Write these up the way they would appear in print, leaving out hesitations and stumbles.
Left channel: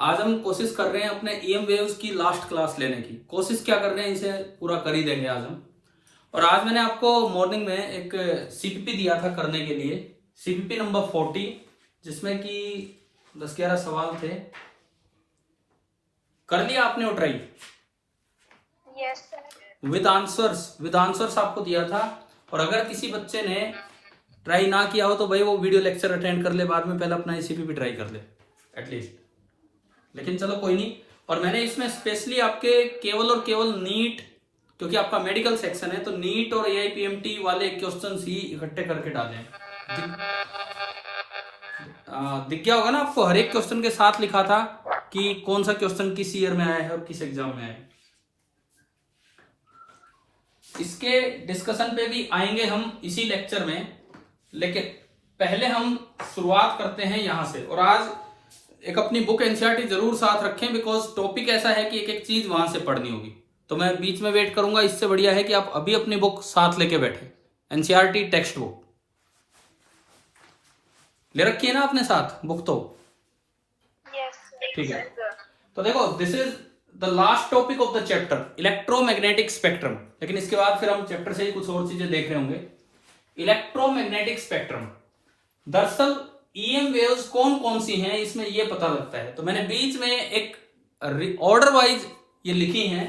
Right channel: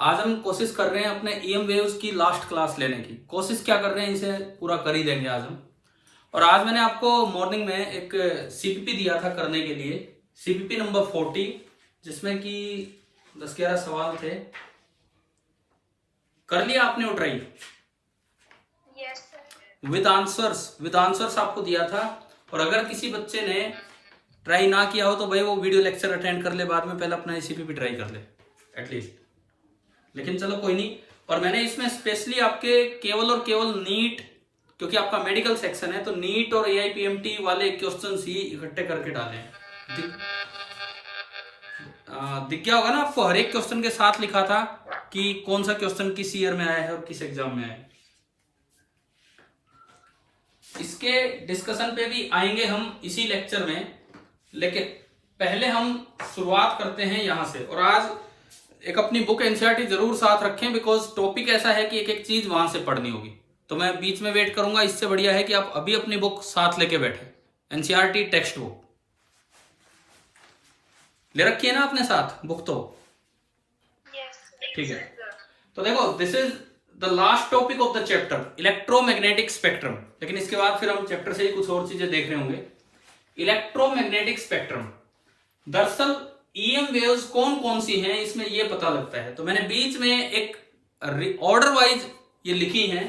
आज हम कोशिश कर रहे हैं अपने ईएम वेव्स की लास्ट क्लास लेने की। कोशिश क्या कर रहे हैं, इसे पूरा कर ही देंगे आज हम। और आज मैंने आपको मॉर्निंग में एक सीपीपी दिया था करने के लिए, सीपीपी नंबर 40, जिसमें कि 10-11 सवाल थे। कर लिया आपने वो try? Yes sir. With answers आपको दिया था। और अगर किसी बच्चे ने ट्राई ना किया हो तो भाई वो वीडियो लेक्चर अटेंड कर ले, बाद में पहले अपना सीपीपी ट्राई कर ले एटलीस्ट। लेकिन चलो कोई नहीं। और मैंने इसमें स्पेशली आपके केवल और केवल नीट, क्योंकि आपका मेडिकल सेक्शन है, तो नीट और एआईपीएमटी वाले क्वेश्चंस ही इकट्ठे करके डाले हैं। दिख गया होगा ना आपको, हर एक क्वेश्चन के साथ लिखा था कि कौन सा क्वेश्चन किस ईयर में आया है और किस एग्जाम में आया है। इसके डिस्कशन पे भी आएंगे हम इसी लेक्चर में, लेकिन पहले हम शुरुआत करते हैं यहां से। और आज एक अपनी बुक एनसीईआरटी जरूर साथ रखें, बिकॉज टॉपिक ऐसा है कि एक एक चीज वहां से पढ़नी होगी। तो मैं बीच में वेट करूंगा, इससे बढ़िया है कि आप अभी अपनी बुक साथ लेके बैठे। एनसीईआरटी टेक्स्ट बुक ले रखी है ना अपने साथ बुक? तो यस ठीक है। तो देखो, this is the last topic of the chapter electromagnetic spectrum. लेकिन इसके बाद फिर हम चैप्टर से ही कुछ और चीजें देख रहे होंगे। इलेक्ट्रोमैग्नेटिक स्पेक्ट्रम, दरअसल ईएम वेव्स कौन कौन सी हैं इसमें ये पता लगता है। तो मैंने बीच में एक ऑर्डर वाइज ये लिखी हैं।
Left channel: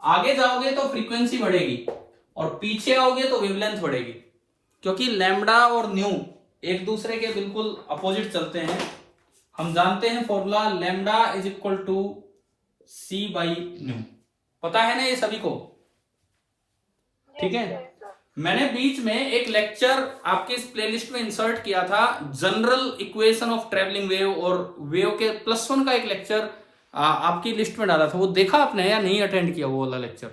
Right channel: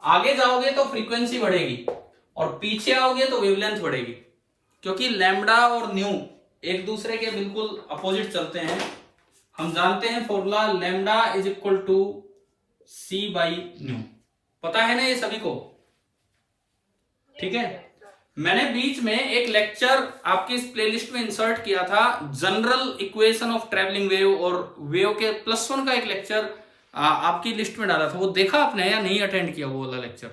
आगे जाओगे तो फ्रीक्वेंसी बढ़ेगी और पीछे आओगे तो वेवलेंथ बढ़ेगी, क्योंकि लैम्डा और न्यू एक दूसरे के बिल्कुल अपोजिट चलते हैं। हम जानते हैं formula lambda is equal to c by nu, पता है ना ये सभी को? ठीक है। मैंने बीच में एक लेक्चर आपकी इस प्लेलिस्ट में इंसर्ट किया था, general equation of travelling wave, और वेव के +1 का एक लेक्चर आपकी लिस्ट में डाला था। वो देखा आपने या नहीं अटेंड किया वो वाला लेक्चर?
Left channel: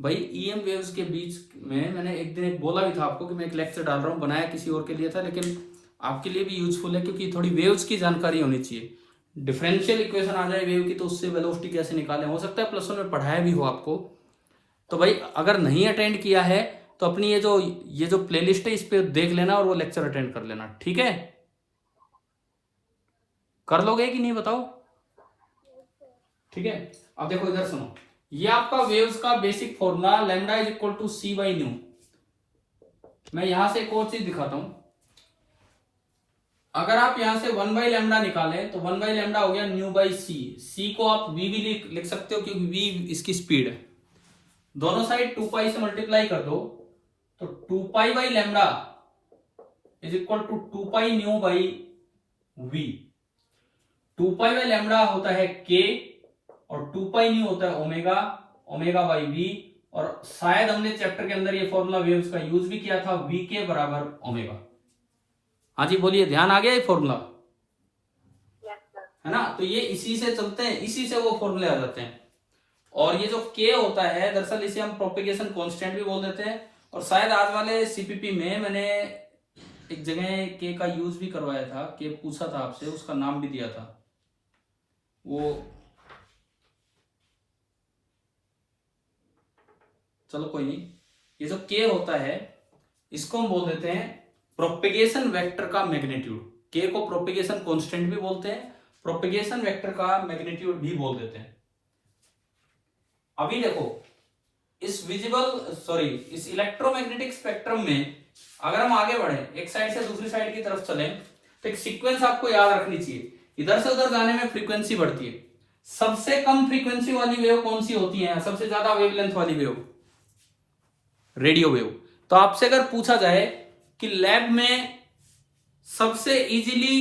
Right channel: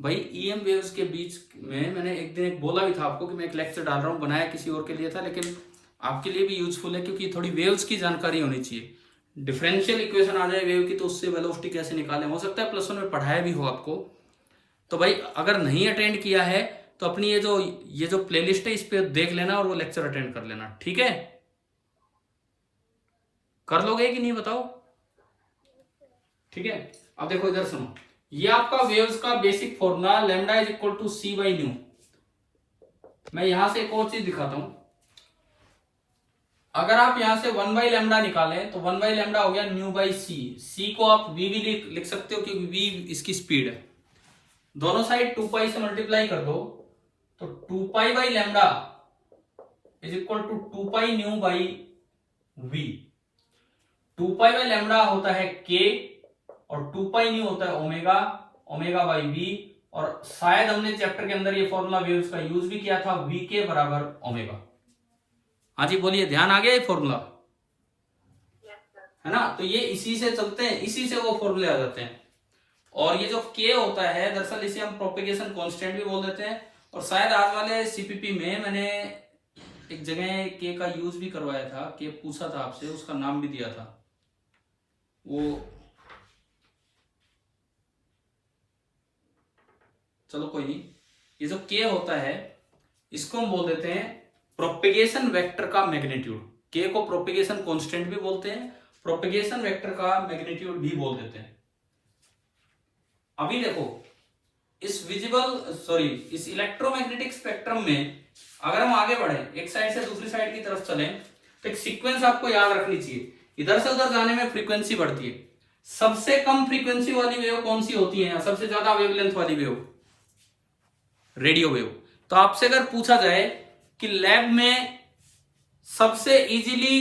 भाई ईएम वेव्स के बीच में मैंने एक दिन एक बोला भी था आपको कि मैं एक लेक्चर डाल रहा हूं, बनाया किसी और के लिए था, लेकिन आपके लिए भी यूजफुल है क्योंकि थोड़ी वेव्स की जानकारी होनी चाहिए। डिफरेंशियल इक्वेशन आ जाए वेव की तो उससे वेलोसिटी कैसे निकालें, हो सकता है +1 में पढ़ाया भी हो आपको। तो भाई अगर नहीं अटेंड किया है तो अपनी ये जो प्लेलिस्ट है इस पे देख लेना और वो लेक्चर अटेंड कर लेना, ठीक है? कर लोगे कि नहीं बताओ? ठीक है। अब देखो इधर सुनो, ये आपका वेव्स का basic formula lambda is equal to c by nu. मैं यहां से एक और चीज दिखाता हूं। अगर आप यहां से 1 बाई लैम्डा निकालें तो 1 बाई लैम्डा हो गया न्यू बाई सी। सी को आप वी भी लिख सकते हो क्योंकि वी इसकी स्पीड है। दोनों साइड 2 पाई से मल्टीप्लाई कर दो तो 2 pi by lambda is equal to 2 pi nu by v. 2 pi by lambda होता है के और 2 पाई न्यू होता है ओमेगा, ओमेगा बाई वी। और शायद हमने चैप्टर के अंदर ये फॉर्मूला वेव्स का यूज भी किया था, वी के बराबर ओमेगा। हाँ जी बोलिए, ध्यान आ गया ये फॉर्मूला? है ना? तो ये इसी से चलते हैं, इसी से वो फॉर्मूले आ जाते हैं। और ये जो के होता है दरअसल इसे हम प्रोपेगेशन कांस्टेंट भी बोल देते हैं। और शायद आज वाले सीपीपी में मैंने एक जगह के का यूज भी करवाया था, के पूछा था आपसे, उसका नाम भी दिया था वो। चलो कोई नहीं, ये जो के होता है इसको हम बोल देते हैं प्रोपेगेशन वेक्टर का मैग्नीट्यूड। के को प्रोपेगेशन कांस्टेंट भी बोलते हैं, प्रोपेगेशन वेक्टर का मैग्नीट्यूड भी बोल देते हैं। अभी देखो इस इलेक्ट्रोमैग्नेटिक स्पेक्ट्रम में अगर हम आगे बढ़े, एक साइड से दूसरी साइड की तरफ चलें, तो एक सीक्वेंस आपको याद रखनी चाहिए। इधर से उधर जाने में फ्रीक्वेंसी बढ़ती है। सबसे कम फ्रीक्वेंसी वाली वेव कौन सी होती है? सबसे ज्यादा वेवलेंथ वाली वेव रेडियो वेव। तो आपसे अगर पूछा जाए कि लैब में सबसे इजीली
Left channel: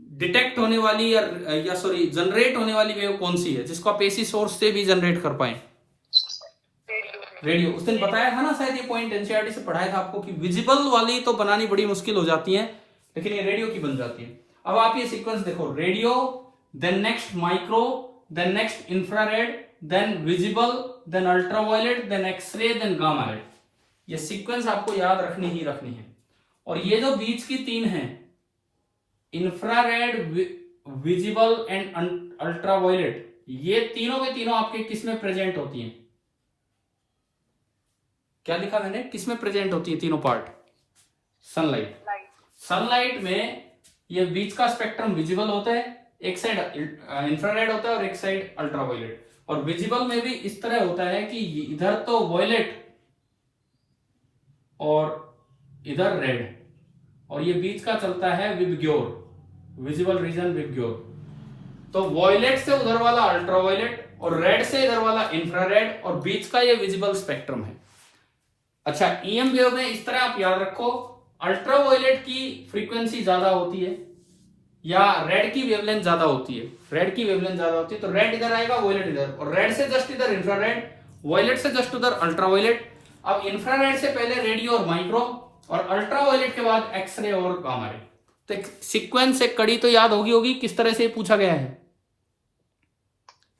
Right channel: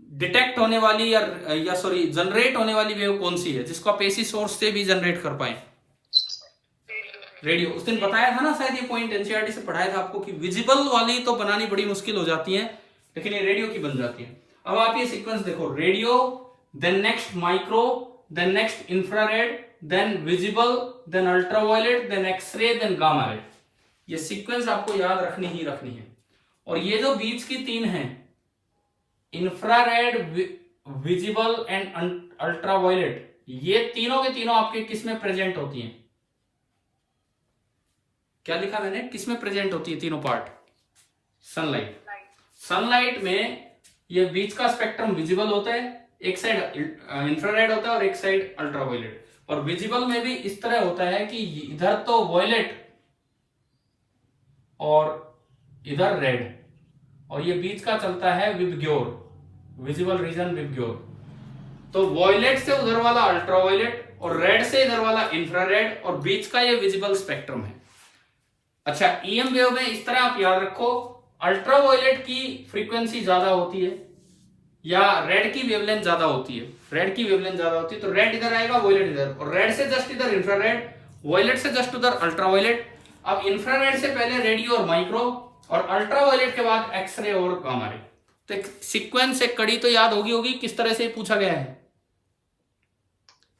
डिटेक्ट होने वाली या जनरेट होने वाली वेव कौन सी है, जिसको आप एसी सोर्स से भी जनरेट कर पाए? रेडियो। उस दिन बताया था ना शायद ये पॉइंट, एनसीईआरटी से पढ़ाया था आपको कि विजिबल वाली तो बनानी बड़ी मुश्किल हो जाती है, लेकिन ये रेडियो की बन जाती है। अब आप ये सीक्वेंस देखो, radio, then next micro, then next infrared, then visible, then ultraviolet, then x ray, then gamma ray. ये सीक्वेंस आपको याद रखनी ही रखनी है। और ये जो बीच की 3 है, इंफ्रारेड, विजिबल एंड अल्ट्रावायलेट, ये तीनों के तीनों आपके किसमें प्रेजेंट होती हैं? क्या लिखा मैंने, किसमें प्रेजेंट होती है तीनों पार्ट? सनलाइट। सनलाइट में ये बीच का स्पेक्ट्रम विजिबल होता है, एक साइड इंफ्रारेड होता है और एक साइड अल्ट्रावायलेट। और विजिबल में भी इस तरह होता है कि इधर तो वॉयलेट और इधर रेड, और ये बीच का चलता है विबग्योर, विजिबल रीजन विबग्योर। तो वॉयलेट से उधर वाला अल्ट्रावायलेट और रेड से इधर वाला इंफ्रारेड और बीच का ये विजिबल स्पेक्ट्रम है। अच्छा, ईएम वेव में इस तरह आप याद रखो, अल्ट्रावायलेट की फ्रीक्वेंसी ज्यादा होती है या रेड की वेवलेंथ ज्यादा होती है, रेड की वेवलेंथ ज्यादा होती है तो रेड इधर आएगा, वॉयलेट इधर, और रेड से जस्ट इधर इंफ्रारेड, वॉयलेट से जस्ट उधर अल्ट्रावायलेट। अब इंफ्रारेड से पहले रेडियो और माइक्रो, और अल्ट्रावायलेट के बाद एक्सरे और गामा रे। तो एक सीक्वेंस, एक कड़ी तो याद होगी किस तरह से पूछा गया है।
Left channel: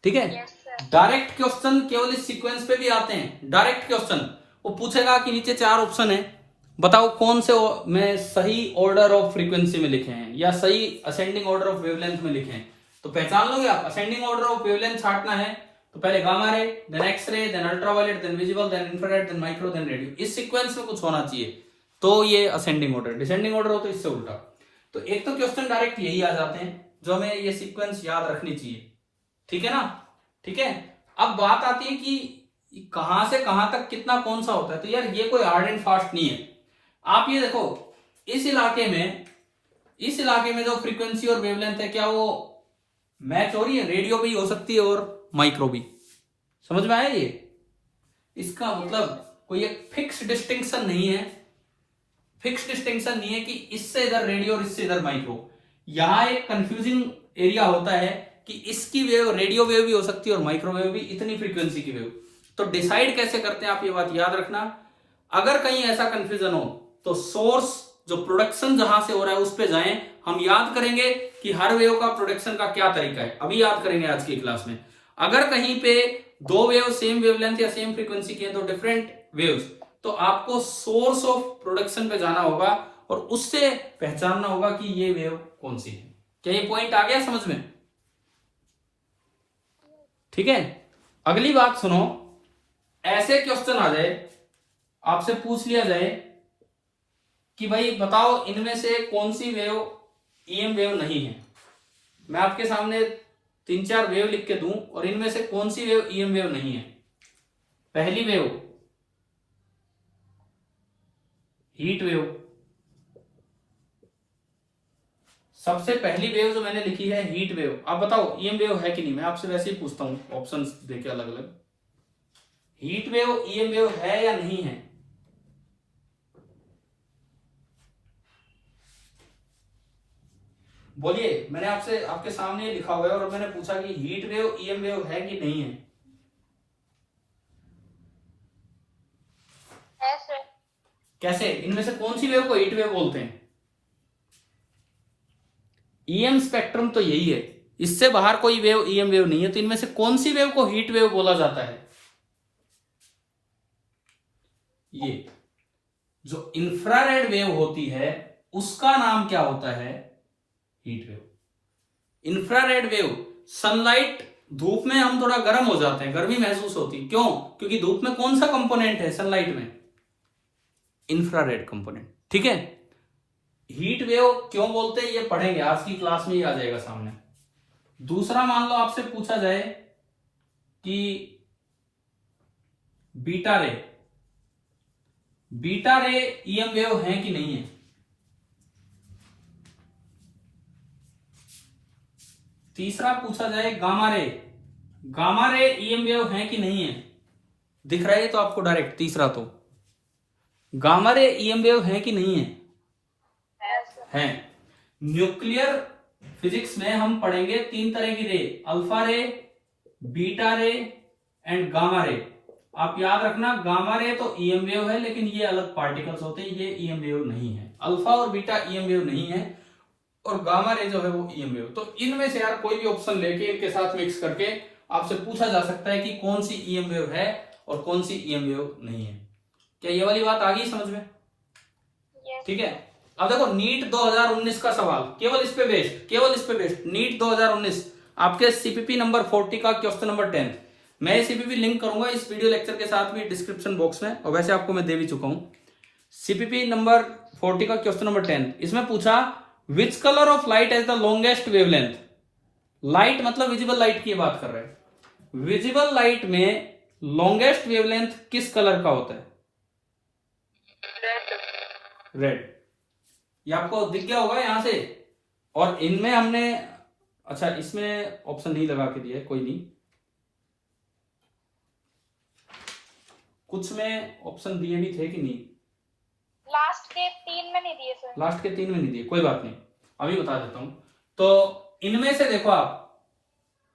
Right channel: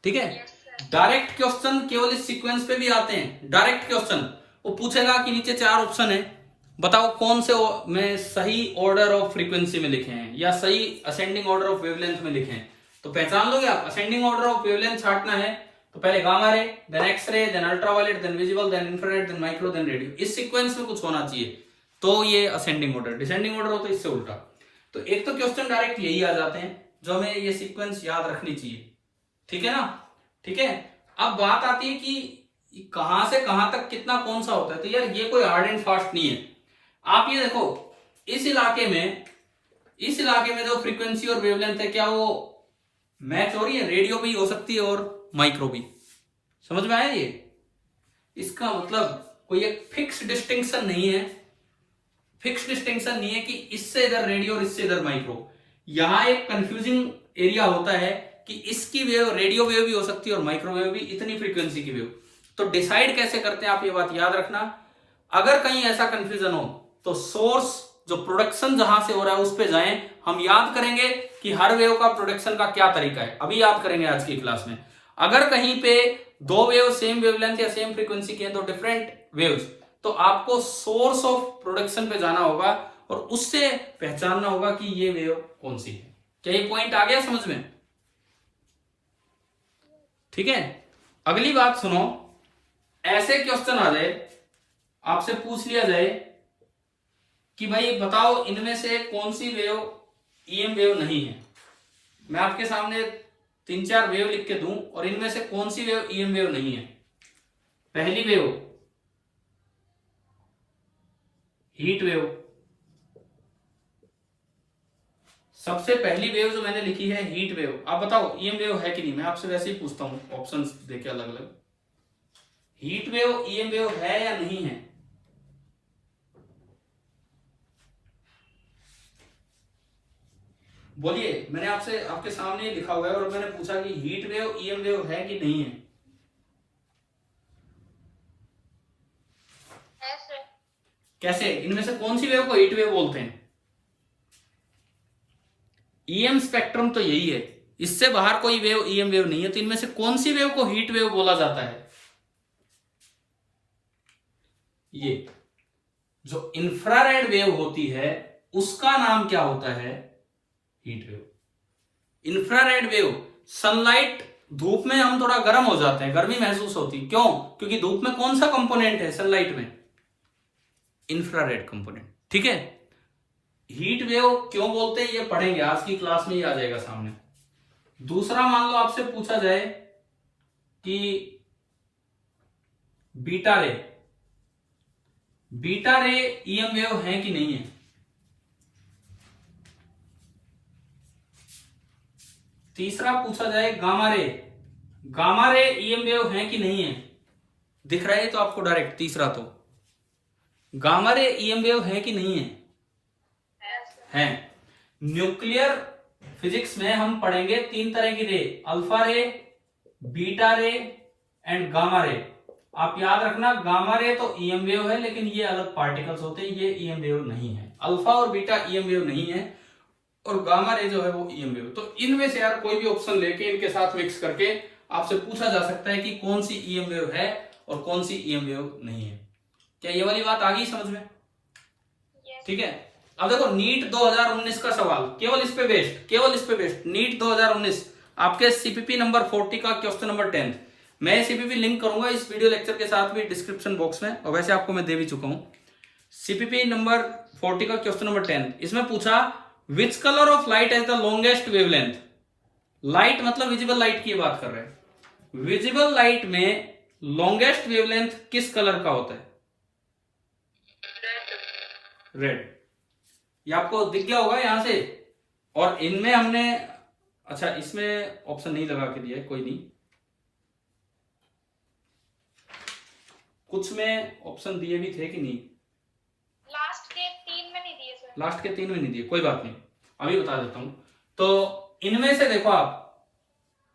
ठीक है, Yes, sir. डायरेक्ट क्वेश्चन केवल इस सीक्वेंस पे भी आते हैं। डायरेक्ट क्वेश्चन वो पूछेगा कि नीचे 4 ऑप्शन है, बताओ कौन से में सही ऑर्डर ऑफ फ्रीक्वेंसी में लिखे हैं या सही असेंडिंग ऑर्डर ऑफ वेवलेंथ में लिखे हैं। तो पहचान लोगे आप, असेंडिंग ऑर्डर ऑफ वेवलेंथ छांटना है तो पहले gamma ray, then x ray, then ultraviolet, then visible, then infrared, then micro, then radio. इस सीक्वेंस में कुछ होना चाहिए तो ये असेंडिंग ऑर्डर। डिसेंडिंग ऑर्डर हो तो इससे उल्टा। तो एक तो क्वेश्चन डायरेक्ट यही आ जाते हैं जो हमें ये सीक्वेंस याद रखनी चाहिए। ठीक है ना, ठीक है। अब बात आती है कि कहां से कहां तक कितना कौन सा होता है। तो यार ये कोई हार्ड एंड फास्ट नहीं है। आप ये देखो, इस इलाके में जो फ्रीक्वेंसी और वेवलेंथ है, क्या वो मैच हो रही है? रेडियो भी हो सकती है और माइक्रो भी। समझ में आया ये? इसका मतलब कोई एक फिक्स डिस्टिंक्शन नहीं है, फिक्स डिस्टिंक्शन नहीं है कि इससे इधर रेडियो और इससे इधर माइक्रो। यहां एक कंफ्यूजिंग एरिया होता है कि इसकी वेव रेडियो वेव भी हो सकती है और माइक्रोवेव भी, इतनी फ्रीक्वेंसी की वेव। तो डिसाइड कैसे करते हैं आप, ये बात याद रखना। अगर कहीं ऐसा कंफ्यूजन हो तो सोर्स जो प्रोडक्शन जहां से हो रहा है उस पे जाएं। हम याद करेंगे कि हर वेव का प्रोडक्शन का क्या तरीका है, अभी याद करेंगे आज की क्लास में। अगर कहीं पे 2 वेव सेम वेवलेंथ या सेम फ्रीक्वेंसी की है तो डिफरेंट वेव्स, तो आपको सोर्स ऑफ प्रोडक्शन पे जाना होगा और उससे पहचानना होगा कि ये वेव कौन सी है। क्या ये पॉइंट आ गया समझ में? ठीक है, अगली बात सुनो। ऐसे क्वेश्चन आ जाए, आपसे पूछ लिया जाए कि भाई बताओ इनमें से कौन सी वेव ईएम वेव नहीं है। मैं आपके सामने 3-4 वेव लिख के दूं और इनमें से कौन सी वेव ईएम वेव नहीं है। पहली वेव हीट वेव, सबसे पहली वेव जो मैंने लिखी है हीट वेव। आप बताओ ईएम वेव है कि नहीं? मैं आपसे वैसे ही पूछता हूं, ऑप्शंस देके अलग अलग। हीट वेव ईएम वेव है या नहीं है? बोलिए। मैंने आपसे आपके सामने लिखा हुआ है और मैंने पूछा कि हीट वेव ईएम वेव है कि नहीं है। Yes, कैसे? इनमें से कौन सी वेव को हीट वेव बोलते हैं? ईएम स्पेक्ट्रम तो यही है, इससे बाहर कोई वेव ईएम वेव नहीं है। तो इनमें से कौन सी वेव को हीट वेव बोला जाता है? ये जो इंफ्रारेड वेव होती है उसका नाम क्या होता है? Heat wave. Infrared wave, sunlight, धूप में हम थोड़ा गर्म हो जाते हैं, गर्मी महसूस होती है। क्यों? क्योंकि धूप में कौन सा कंपोनेंट है सनलाइट में? Infrared component. ठीक है, हीट वेव क्यों बोलते हैं ये पढ़ेंगे, आज की क्लास में ही आ जाएगा सामने। दूसरा, मान लो आपसे पूछा जाए कि बीटा रे, बीटा रे ईएम वेव है कि नहीं है? तीसरा पूछा जाए gamma ray, gamma ray EM wave है कि नहीं है? दिख रहा है तो आपको डायरेक्ट। तीसरा तो गामा रे ईएम वेव है कि नहीं है? है। न्यूक्लियर फिजिक्स में हम पढ़ेंगे 3 तरह की रे, अल्फा रे, बीटा रे एंड गामा रे। आप याद रखना, गामा रे तो ईएम वेव है लेकिन ये अलग पार्टिकल्स होते हैं, ये ईएम वेव नहीं है। अल्फा और बीटा ईएम वेव नहीं है और गामा रे जो है वो ईएम वेव। तो इनमें से यार कोई भी ऑप्शन लेके इनके साथ मिक्स करके आपसे पूछा जा सकता है कि कौन सी ईएम वेव है और कौन सी ईएम वेव नहीं है। क्या ये वाली बात आ गई समझ में? yes. ठीक है, अब देखो नीट 2019 का सवाल, केवल इस पे बेस्ड, नीट 2019 आपके सीपीपी नंबर 40 का क्वेश्चन नंबर 10। मैं सीपीपी लिंक करूंगा इस वीडियो लेक्चर के साथ भी डिस्क्रिप्शन बॉक्स में, और वैसे आपको मैं दे भी चुका हूं। सीपीपी नंबर 40 का क्वेश्चन नंबर 10, इसमें पूछा which colour of light has the longest wavelength? Light मतलब विजिबल लाइट की बात कर रहे हैं। विजिबल लाइट में लॉन्गेस्ट वेवलेंथ किस कलर का होता है? रेड। ये आपको दिख गया होगा यहां से। और इनमें हमने, अच्छा इसमें ऑप्शन नहीं लगा के दिया है, कोई नहीं, कुछ में ऑप्शन दिए भी थे कि नहीं? लास्ट के 3 में नहीं दिए सर। लास्ट के 3 में नहीं दिए, कोई बात नहीं, अभी बता देता हूं। तो इनमें से देखो आप,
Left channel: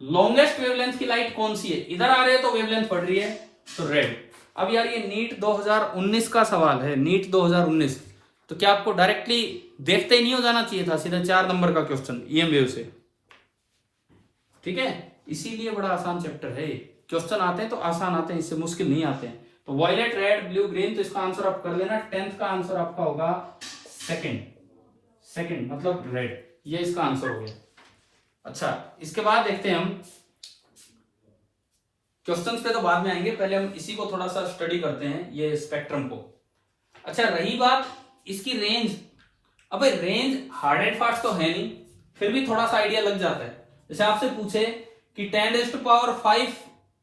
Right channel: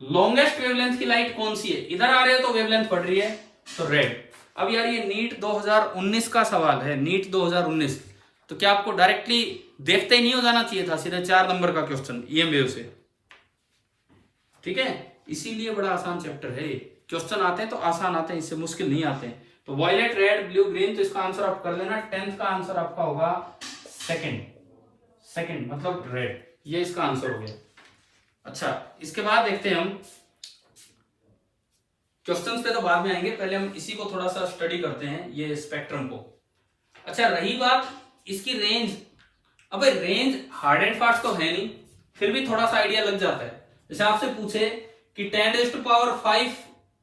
लॉन्गेस्ट वेवलेंथ की लाइट कौन सी है? इधर आ रहे हो तो वेवलेंथ पड़ रही है, तो रेड। अब यार ये नीट 2019 का सवाल है, नीट 2019, तो क्या आपको डायरेक्टली देखते ही नहीं हो जाना चाहिए था? सीधा 4 नंबर का क्वेश्चन ईएम वेव से, ठीक है? इसीलिए बड़ा आसान चैप्टर है। क्वेश्चन आते हैं तो आसान आते हैं, इससे मुश्किल नहीं आते हैं। तो वायलेट, रेड, ब्लू, ग्रीन, तो इसका आंसर आप कर लेना। 10th का आंसर आपका होगा सेकंड मतलब रेड, ये इसका आंसर हो गया। अच्छा, इसके बाद देखते हैं हम क्वेश्चंस पे, तो बाद में आएंगे, पहले हम इसी को थोड़ा सा स्टडी करते हैं, ये स्पेक्ट्रम को। अच्छा, रही बात इसकी रेंज, अब रेंज हार्ड एंड फास्ट तो है नहीं, फिर भी थोड़ा सा आइडिया लग जाता है। जैसे आपसे पूछे कि 10⁵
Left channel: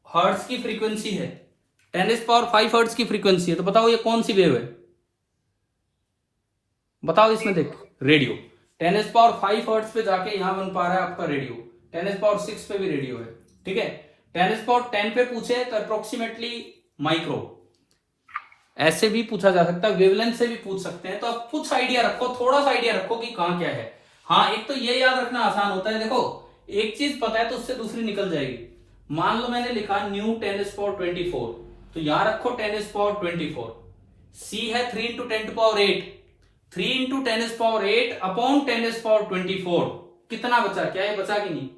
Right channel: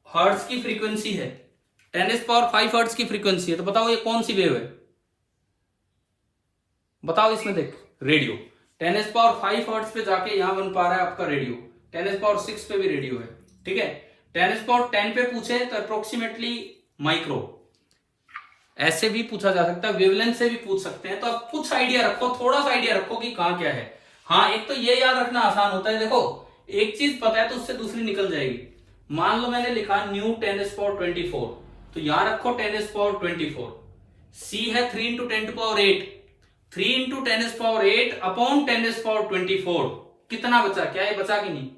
हर्ट्ज की फ्रीक्वेंसी है, 10⁵ हर्ट्ज की फ्रीक्वेंसी है, तो बताओ ये कौन सी वेव है? बताओ इसमें देख, रेडियो। 10⁵ हर्ट्ज पे जाके यहां बन पा रहा है आपका रेडियो, 10⁶ पे भी रेडियो है, ठीक है? 10⁻10 पे पूछे तो अप्रोक्सीमेटली माइक्रो, ऐसे भी पूछा जा सकता है, वेवलेंथ से भी पूछ सकते हैं। तो आप कुछ आइडिया रखो, थोड़ा सा आइडिया रखो कि कहां क्या है। हाँ, एक तो ये याद रखना आसान होता है, देखो एक चीज पता है तो उससे दूसरी निकल जाएगी। मान लो मैंने लिखा न्यू 10⁻24, तो यहां रखो 10⁻24। सी है 3 × 10⁸, 3 × 10⁸ अपॉन 10⁻24, कितना बचा? क्या ये बचा कि नहीं?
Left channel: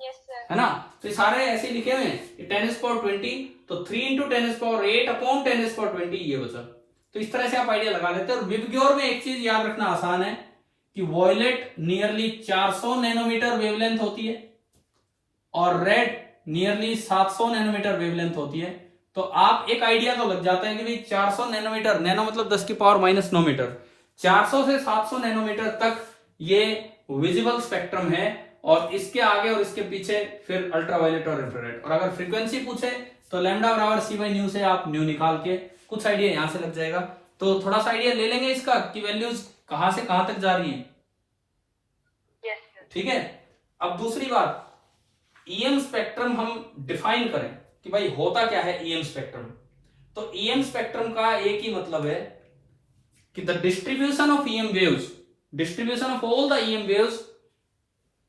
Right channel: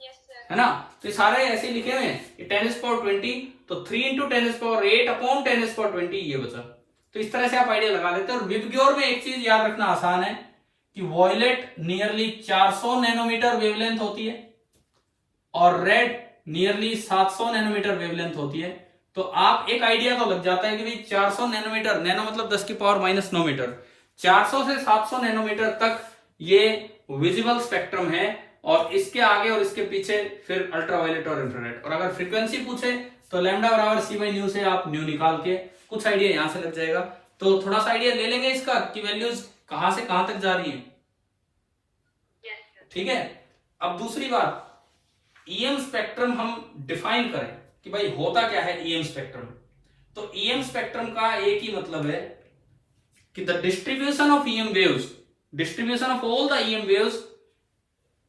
Yes sir. है ना? तो ये सारे ऐसे लिखे हुए हैं, 10⁻20, तो 3 × 10⁸ अपॉन 10⁻20 ये बचा। तो इस तरह से आप आइडिया लगा लेते हैं। और विबग्योर में एक चीज याद रखना आसान है कि वॉयलेट नियरली 400 नैनोमीटर वेवलेंथ होती है और रेड नियरली 700 नैनोमीटर वेवलेंथ होती है। तो आप एक आइडिया तो लग जाता है कि भाई 400 नैनोमीटर, नैनो मतलब 10⁻⁻9 मीटर, 400 से 700 नैनोमीटर तक ये विजिबल स्पेक्ट्रम है, और इसके आगे और इसके पीछे फिर अल्ट्रावायलेट और इंफ्रारेड। और अगर फ्रीक्वेंसी पूछे तो लैम्डा बराबर c/न्यू से आप न्यू निकाल के कुछ आइडिया यहां से लग जाएगा। तो थोड़ा सा आइडिया ले लेंगे इसका कि वैल्यूज कहां से कहां तक जा रही है, ठीक है? अब दूसरी बात, ईएम स्पेक्ट्रम हम डिफाइन करें कि भाई होता क्या है ईएम स्पेक्ट्रम। तो ईएम स्पेक्ट्रम का एक ही मतलब है कि the distribution of EM waves, distribution of all the EM waves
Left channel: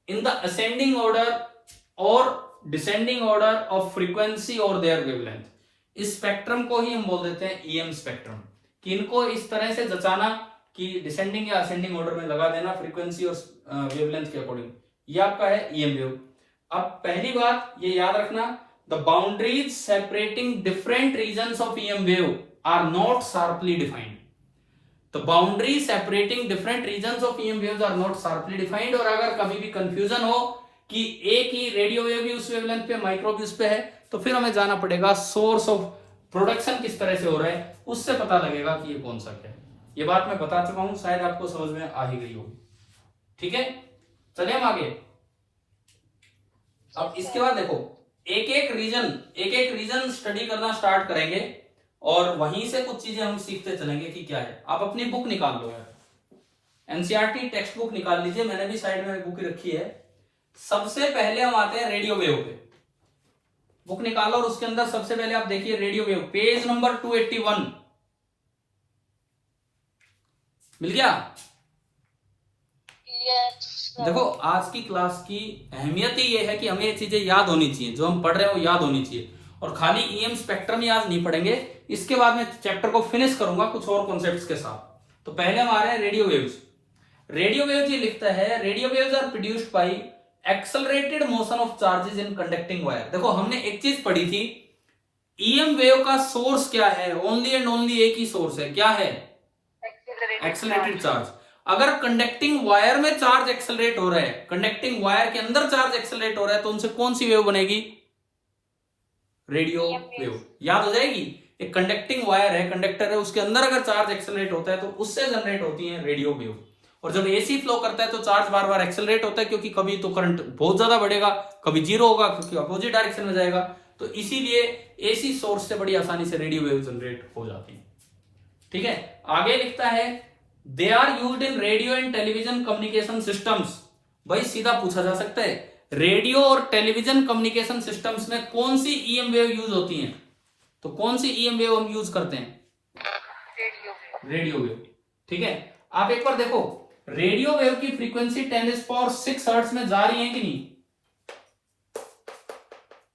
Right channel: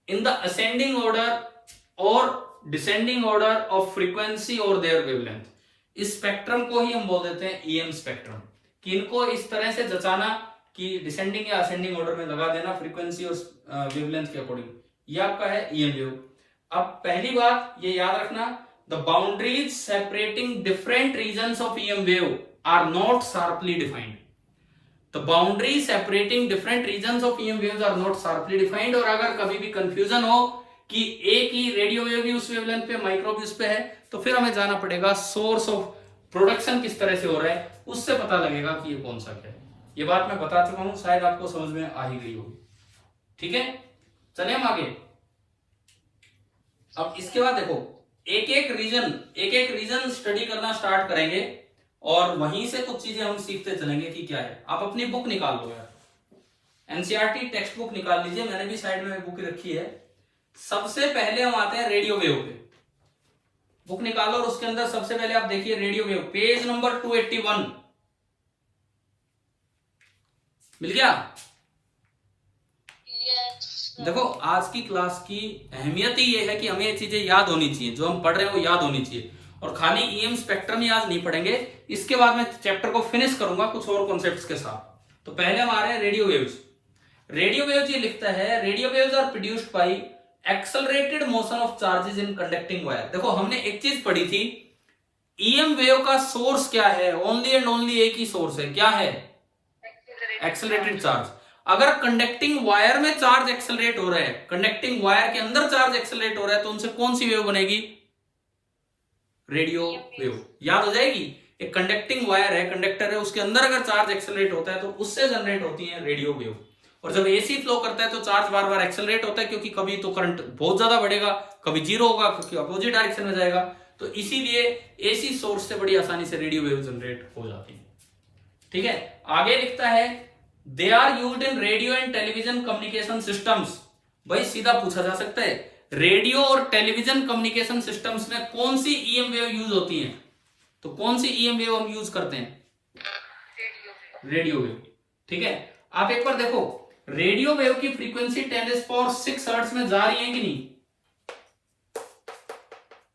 in the ascending order or descending order of frequency or their wavelength। इस स्पेक्ट्रम को ही हम बोल देते हैं ईएम स्पेक्ट्रम, कि इनको इस तरह से जचाना कि डिसेंडिंग या असेंडिंग ऑर्डर में लगा देना फ्रीक्वेंसी और वेवलेंथ के अकॉर्डिंग, ये आपका है ईएम वेव। अब पहली बात ये याद रखना, the boundaries separating different regions of EM wave are not sharply defined. The boundaries separating different regions of EM waves are not sharply defined। और अगर कभी भी कंफ्यूजन हो कि एक ही रेडियो वेव भी उस वेवलेंथ पे, माइक्रो भी उस पे है, तो फिर हमें जाना पड़ेगा सोर्स ऑफ प्रोडक्शन किस तरह से हो रहा है, उससे पता लगेगा कि ये कौन सा क्या है। ये बात मैं बता चुका हूं, शायद आपको समझ में आ ही गई होगी, ठीक है? चलिए हम आगे। अब इसके बाद देखो एक एक रीजन स्टडी करना स्टार्ट करेंगे और वहीं से कुछ चीजें हम सीखते चलेंगे कि क्या है। आप अपनी बुक निकाल लो यार, एनसीईआरटी टेक्स्ट बुक निकाल लीजिए, मैंने भी साइड में बुक रखी है। सबसे पहले हम आते हैं रेडियो वेव पे, बुक निकालो और उसके अंदर सबसे पहले आप देखिए रेडियो वेव, पेज नंबर 281 मिल गया? देखो आज की क्लास की अहमियत ही ये है कि हमें ये चीजें याद होनी चाहिए, जो हम पढ़ रहे हैं वो याद होनी चाहिए। और खाली ईएम स्पेक्ट्रम ही आज नहीं पढ़ेंगे, इसके बाद मैं चैप्टर को फिनिश करूंगा कुछ और कॉन्सेप्ट्स के साथ। तो पहले हम आ रहे हैं रेडियो वेव्स। रेडियो वेव्स ये लिखता है, radio waves are produced by accelerated motion of charges in conducting wire. देखो हमने एक चीज पढ़ी थी, ईएम वेव का सोर्स क्या है? ओनली एंड ओनली एक ही सोर्स है, क्या है? Accelerated charge. अगर कंडक्टिंग वायर में चार्ज एक्सेलरेट हो रहा है, कंडक्टिंग वायर के अंदर चार्ज एक्सेलरेट हो रहा है, तो उनसे कौन सी वेव बनेगी? Radio wave. याद हो जाएगी एक कंडक्टिंग वायर है, कंडक्टर है, उसके अंदर अगर चार्ज एक्सेलरेट होता है तो उससे जनरेट होती है रेडियो वेव। और जब एसी फ्लो करता है तो चार्ज बार बार एक्सेलरेट होता है, क्योंकि कभी तो करंट बहुत ज्यादा बढ़ेगा, कभी जीरो होगा, क्योंकि अपोजिट डायरेक्शन में जाएगा। तो इसीलिए एसी सोर्स से बड़ी आसानी से रेडियो वेव जनरेट हो जाती है। ठीक है, आगे लिखता है they are used in radio and television communication systems. भाई सीधा पूछा जा सकता है रेडियो और टेलीविजन कम्युनिकेशन सिस्टम्स में कौन सी ईएम वेव यूज होती है, तो कौन सी ईएम वेव हम यूज करते हैं? Radio wave. ठीक है, आप एक बार देखो रेडियो वेव की फ्रीक्वेंसी 10⁶ हर्ट्ज में जा रही है कि नहीं?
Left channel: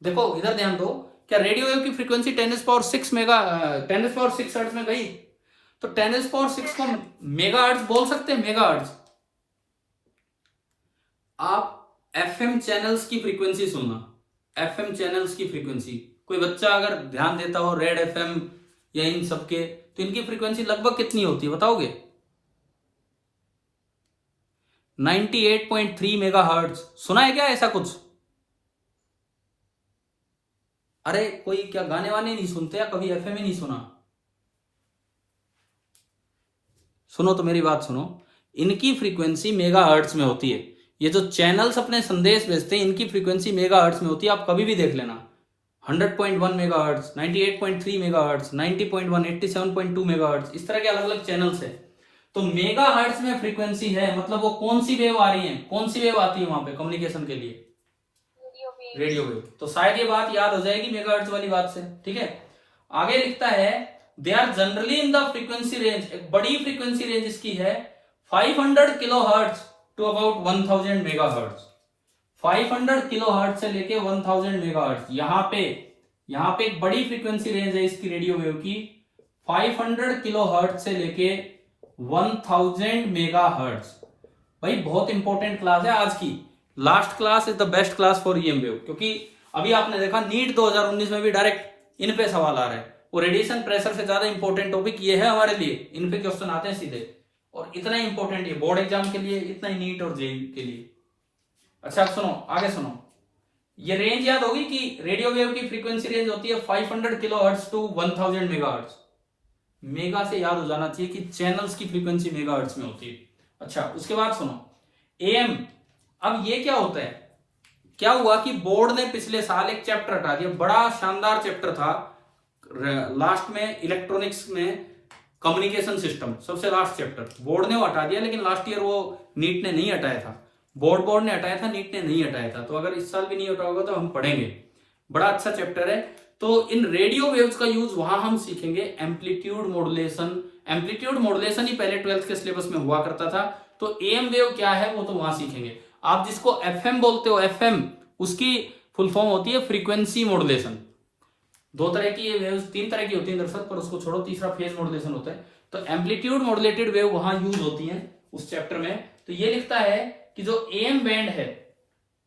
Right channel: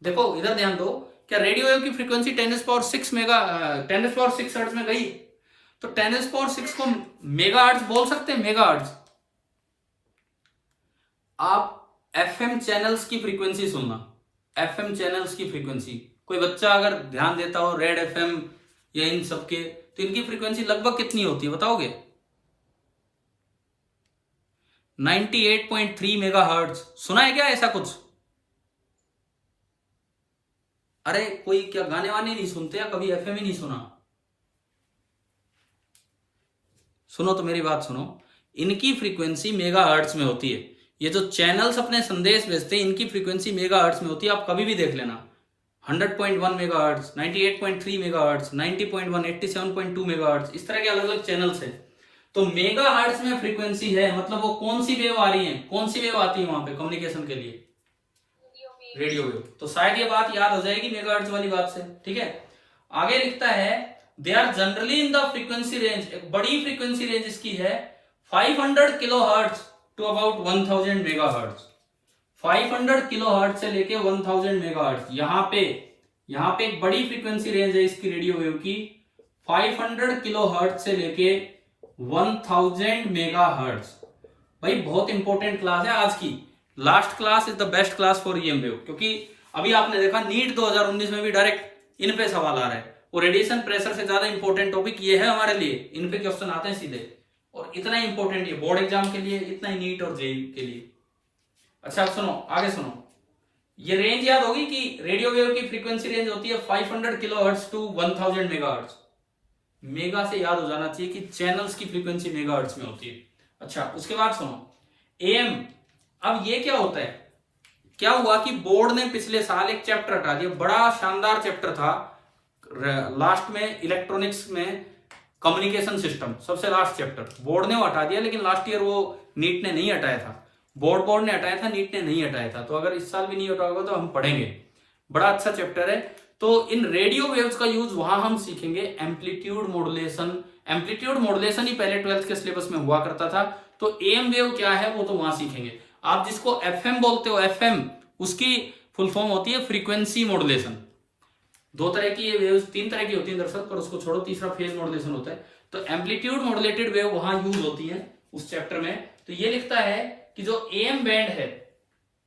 देखो इधर ध्यान दो, क्या रेडियो वेव की फ्रीक्वेंसी 10⁶ हर्ट्ज में गई? तो 10⁶ को मेगाहर्ट्ज बोल सकते हैं, मेगाहर्ट्ज। आप एफएम चैनल्स की फ्रीक्वेंसी सुनना, एफएम चैनल्स की फ्रीक्वेंसी, कोई बच्चा अगर ध्यान देता हो रेड एफएम या इन सबके, तो इनकी फ्रीक्वेंसी लगभग कितनी होती है बताओगे? 98.3 मेगाहर्ट्ज। सुना है क्या ऐसा कुछ? अरे कोई क्या गाने वाने नहीं सुनते या कभी एफएम ही नहीं सुना? सुनो तो मेरी बात सुनो, इनकी फ्रीक्वेंसी मेगाहर्ट्ज में होती है। ये जो चैनल्स अपने संदेश भेजते हैं इनकी फ्रीक्वेंसी मेगाहर्ट्ज में होती है। आप कभी भी देख लेना, 100.1 मेगाहर्ट्ज, 98.3 मेगाहर्ट्ज, 90.1, 87.2 मेगाहर्ट्ज, इस तरह के अलग अलग चैनल्स हैं। तो मेगाहर्ट्ज में फ्रीक्वेंसी है, मतलब वो कौन सी वेव आ रही है, कौन सी वेव आती है वहां पे कम्युनिकेशन के लिए? Radio wave. तो शायद ये बात याद हो जाएगी मेगाहर्ट्ज वाली बात से। ठीक है, आगे लिखता है they are generally in the frequency range, एक बड़ी फ्रीक्वेंसी रेंज इसकी है 500 kilohertz to about 1000 megahertz. 500 kilohertz से लेके 1000 मेगाहर्ट्ज, यहाँ पे एक बड़ी फ्रीक्वेंसी रेंज है इसकी रेडियो वेव की, 500 किलोहर्ट्ज से लेके 1000 मेगाहर्ट्ज। भाई बहुत इंपॉर्टेंट क्लास है आज की, last class is the best class for EM wave, क्योंकि अभी आपने देखा नीट 2019 में भी डायरेक्ट इन पे सवाल आ रहा है, और रेडिएशन प्रेशर से ज्यादा इंपॉर्टेंट टॉपिक ये है हमारे लिए, इन पे क्वेश्चन आते हैं सीधे, और इतना इंपॉर्टेंट ये बोर्ड एग्जाम के लिए, इतना ही नीट और जेईई के लिए। अच्छा सुनो, आगे सुनो, ये रेंज याद होगी कि रेडियो वेव की फ्रीक्वेंसी रेंज होती है 500 किलोहर्ट्ज टू 1000 मेगाहर्ट्ज। मेगा से याद हो जाना चाहिए कि चैनल्स की फ्रीक्वेंसी मेगाहर्ट्ज में होती है। अच्छा उसके बाद सुनो एएम। अब ये क्या होता है, क्या हुआ कि बोर्ड ने पिछले साल एक चैप्टर हटा दिया, बड़ा शानदार चैप्टर था लास्ट में इलेक्ट्रॉनिक्स में, कम्युनिकेशन सिस्टम, सबसे लास्ट चैप्टर बोर्ड ने वो हटा दिया, लेकिन लास्ट ईयर वो नीट ने नहीं हटाया था, बोर्ड ने हटाया था, नीट ने नहीं हटाया था। तो अगर इस साल भी नहीं हटाया होगा तो हम पढ़ेंगे, बड़ा अच्छा चैप्टर है। तो इन रेडियो वेव्स का यूज वहां हम सीखेंगे एम्पलीट्यूड मॉड्यूलेशन। एम्पलीट्यूड मॉड्यूलेशन ही पहले 12th के सिलेबस में हुआ करता था, तो एएम वेव क्या है वो तो वहां सीखेंगे। आप जिसको एफएम बोलते हो, एफएम उसकी फुल फॉर्म होती है फ्रीक्वेंसी मॉड्यूलेशन। दो तरह की ये वेव्स, तीन तरह की होती है दरअसल, पर उसको छोड़ो, तीसरा फेज मॉड्यूलेशन होता है। तो एम्पलीट्यूड मॉड्यूलेटेड वेव वहां यूज होती है उस चैप्टर में। तो ये लिखता है कि जो एएम बैंड है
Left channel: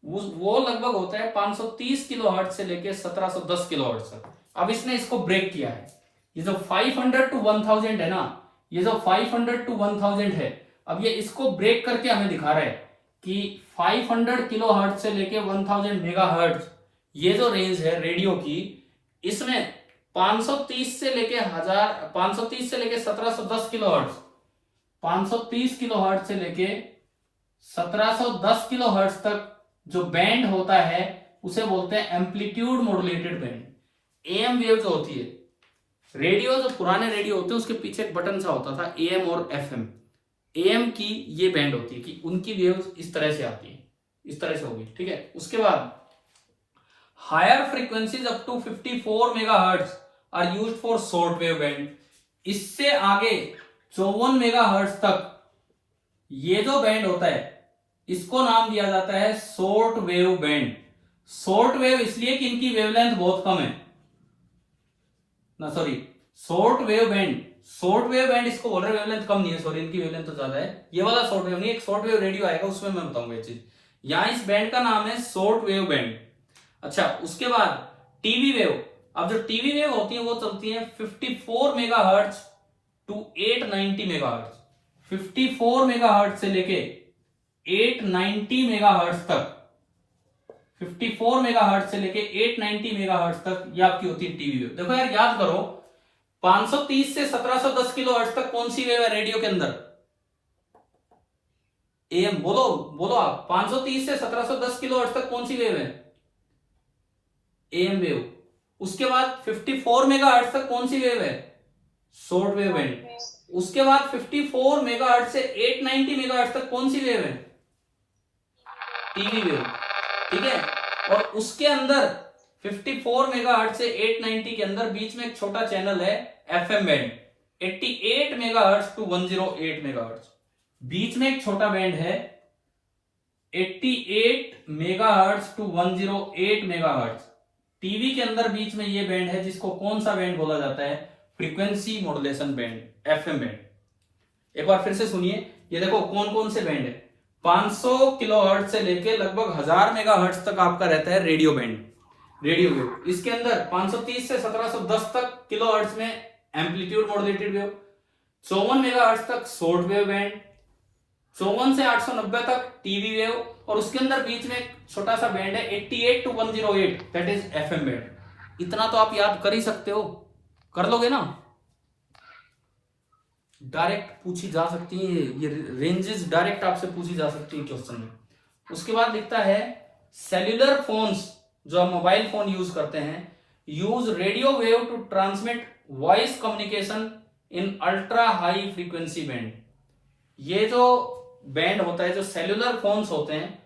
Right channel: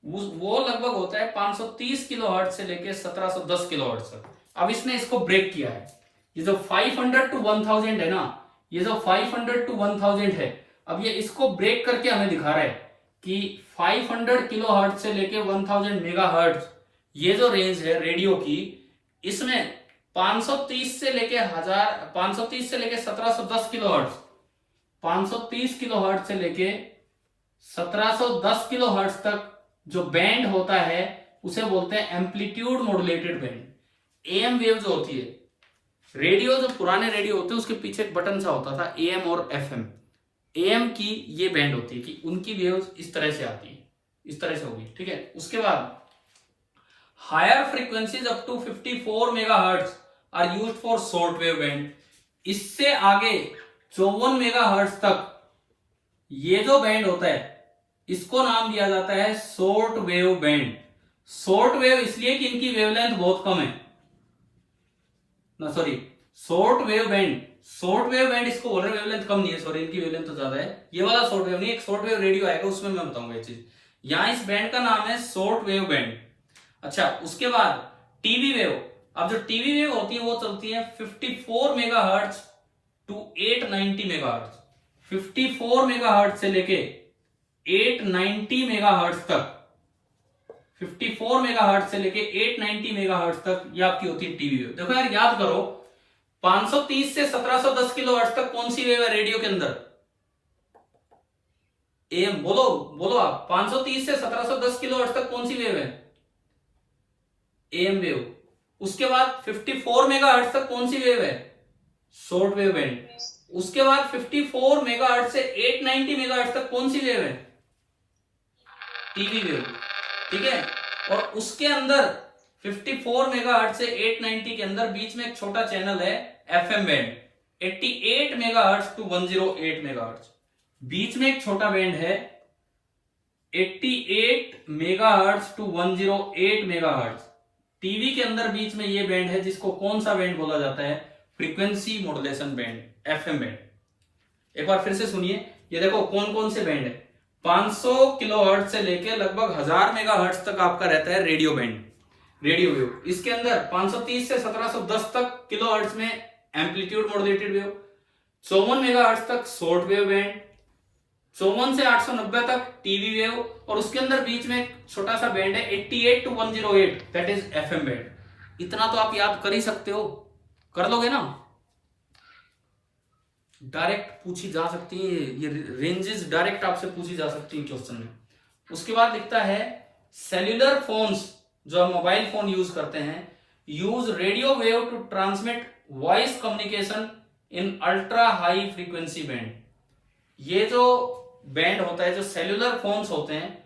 वो लगभग होता है 530 किलोहर्ट्ज से लेके 1710 किलोहर्ट्ज तक। अब इसने इसको ब्रेक किया है, ये जो 500 टू 1000 है ना, ये जो 500 टू 1000 है, अब ये इसको ब्रेक करके हमें दिखा रहा है कि 500 किलोहर्ट्ज से लेके 1000 मेगाहर्ट्ज, ये जो रेंज है रेडियो की, इसमें 530 से लेके 1710 किलोहर्ट्ज, 530 किलोहर्ट्ज से लेके 1710 किलोहर्ट्ज तक जो बैंड होता है उसे बोलते हैं amplitude modulated band. Am wave जो होती है, रेडियो जो पुराने रेडियो होते हैं उसके पीछे एक बटन सा होता था, एएम और एफएम। एएम की ये बैंड होती है कि उनकी वेव्स इस तरह से आती है, इस तरह से होगी। ठीक है, उसके बाद higher frequencies up to 54 megahertz are used for short wave band. इससे आगे 54 मेगाहर्ट्ज तक ये जो बैंड होता है इसको नाम दिया जाता है short wave band. Short wave इसलिए कि इनकी वेवलेंथ बहुत कम है ना, sorry short wave band, short wave band इसको बोल रहे हैं, वेवलेंथ कम नहीं है, सॉरी इनकी वेवलेंथ तो ज्यादा है। ये वाला शॉर्ट वेव नहीं, एक शॉर्ट वेव रेडियो आएगा उसमें मैं बताऊंगा ये चीज। यहां इस बैंड का नाम है शॉर्ट वेव बैंड। अच्छा उसके बाद टीवी वेव। अब जो टीवी वेव होती है वो चलती है 54 मेगाहर्ट्ज टू 890 मेगाहर्ट्ज। 54 मेगाहर्ट्ज से लेके 890 मेगाहर्ट्ज तक, 54 मेगाहर्ट्ज से लेके 890 मेगाहर्ट्ज तक ये आपकी होती है टीवी वेव। देखो यार याद करो, 530 से 1710 किलो हर्ट्ज तक कौन सी वेव है रेडियो के अंदर? एम बोलो बोलो आप, 530 से 1710 किलो हर्ट्ज तक कौन सी वेव है? M wave. उसके बाद 54 मेगाहर्ट्ज तक कौन सी वेव है? Short wave band. उसके बाद 54 मेगाहर्ट्ज से 890 मेगाहर्ट्ज तक कौन सी वेव है? TV wave. ठीक है, और उसके अंदर 54 मेगाहर्ट्ज से 890 के अंदर बीच में एक छोटा चैनल है FM band, 88 megahertz to 108 megahertz. बीच में एक छोटा बैंड है 88 मेगाहर्ट्ज टू 108 मेगाहर्ट्ज। टीवी के अंदर बीच में ये बैंड है जिसको कौन सा बैंड बोला जाता है? Frequency modulation band, FM band. एक बार फिर से सुनिए, ये देखो कौन कौन से बैंड है। 500 किलोहर्ट्ज से लेके लगभग 1000 मेगाहर्ट्ज तक आपका रहता है रेडियो बैंड, रेडियो वेव। इसके अंदर 530 से 1710 तक किलोहर्ट्ज में एम्पलीट्यूड मॉड्यूलेटेड वेव, 54 मेगाहर्ट्ज तक शॉर्ट वेव बैंड, 54 से 890 तक टीवी वेव, और उसके अंदर बीच में एक छोटा सा बैंड है 88 to 108, that is FM band. इतना तो आप याद कर ही सकते हो, कर लोगे ना? डायरेक्ट पूछी जा सकती है ये रेंजेस, डायरेक्ट आपसे पूछी जा सकती है क्वेश्चन में। उसके बाद लिखता है सेल्यूलर फोन्स, जो हम मोबाइल फोन यूज करते हैं, use radio wave to transmit voice communication in ultra high frequency band. ये जो बैंड होता है, जो सेल्यूलर फोन्स होते हैं,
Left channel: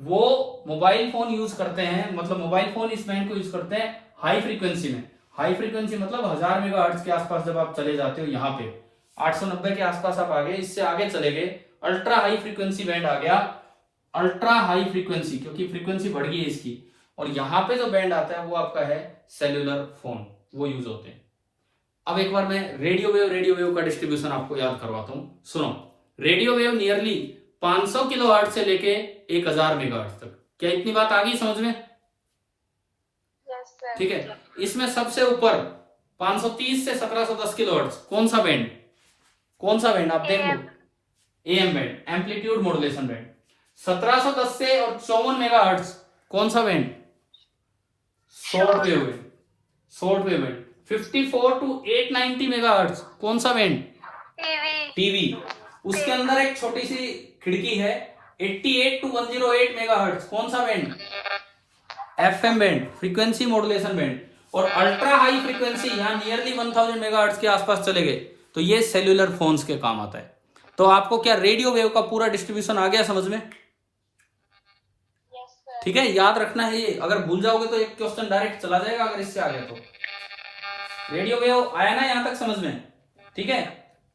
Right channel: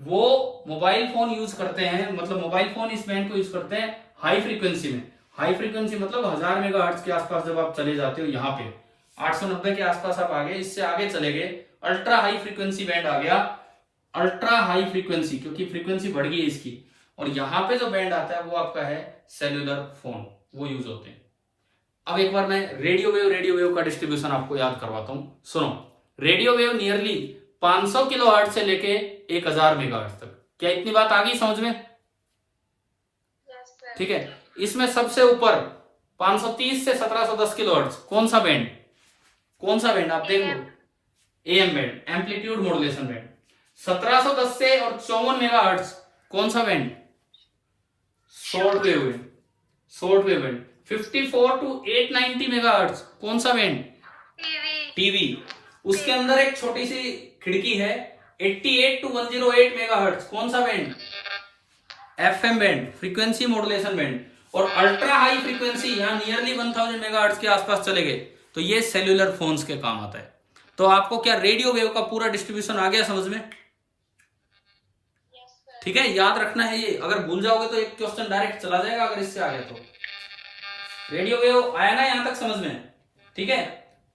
वो मोबाइल फोन यूज करते हैं, मतलब मोबाइल फोन इस बैंड को यूज करते हैं हाई फ्रीक्वेंसी में। हाई फ्रीक्वेंसी मतलब 1000 मेगाहर्ट्ज के आसपास जब आप चले जाते हो, यहाँ पे 890 के आसपास आप आ गए, इससे आगे चले गए, अल्ट्रा हाई फ्रीक्वेंसी बैंड आ गया। अल्ट्रा हाई फ्रीक्वेंसी क्योंकि फ्रीक्वेंसी बढ़ गई है इसकी, और यहाँ पे जो बैंड आता है वो आपका है सेल्यूलर फोन, वो यूज होते हैं। अब एक बार मैं रेडियो वेव का डिस्ट्रीब्यूशन आपको याद करवाता हूं, सुनो। रेडियो वेव नियरली 500 किलोहर्ट्ज से लेके 1000 मेगाहर्ट्ज तक। क्या इतनी बात आ गई समझ में? ठीक है, इसमें सबसे ऊपर 530 से 1710 किलोहर्ट्ज कौन सा बैंड? कौन सा बैंड आप देख लो, AM band, amplitude modulation band. 1710 से और 54 मेगाहर्ट्ज कौन सा band? Short wave band, short wave band. 54 to 890 megahertz कौन सा बैंड? टीवी। उसके अंदर एक छोटी सी खिड़की है 88 टू 108 मेगाहर्ट्ज कौन सा band? FM band, frequency modulation band. और अल्ट्रा हाई फ्रीक्वेंसी यहाँ नियरली 1000 मेगाहर्ट्ज के आसपास चले गए, तो ये सेल्यूलर फोन्स के काम आता है। तो आपको क्या रेडियो वेव का पूरा डिस्ट्रीब्यूशन आ गया समझ में? ठीक है, याद रखना है ये, अगर भूल जाओगे तो एक क्वेश्चन डायरेक्ट चला जाएगा अगर इससे आ गया तो। रेडियो वेव आया ना यहां तक समझ में? ठीक है,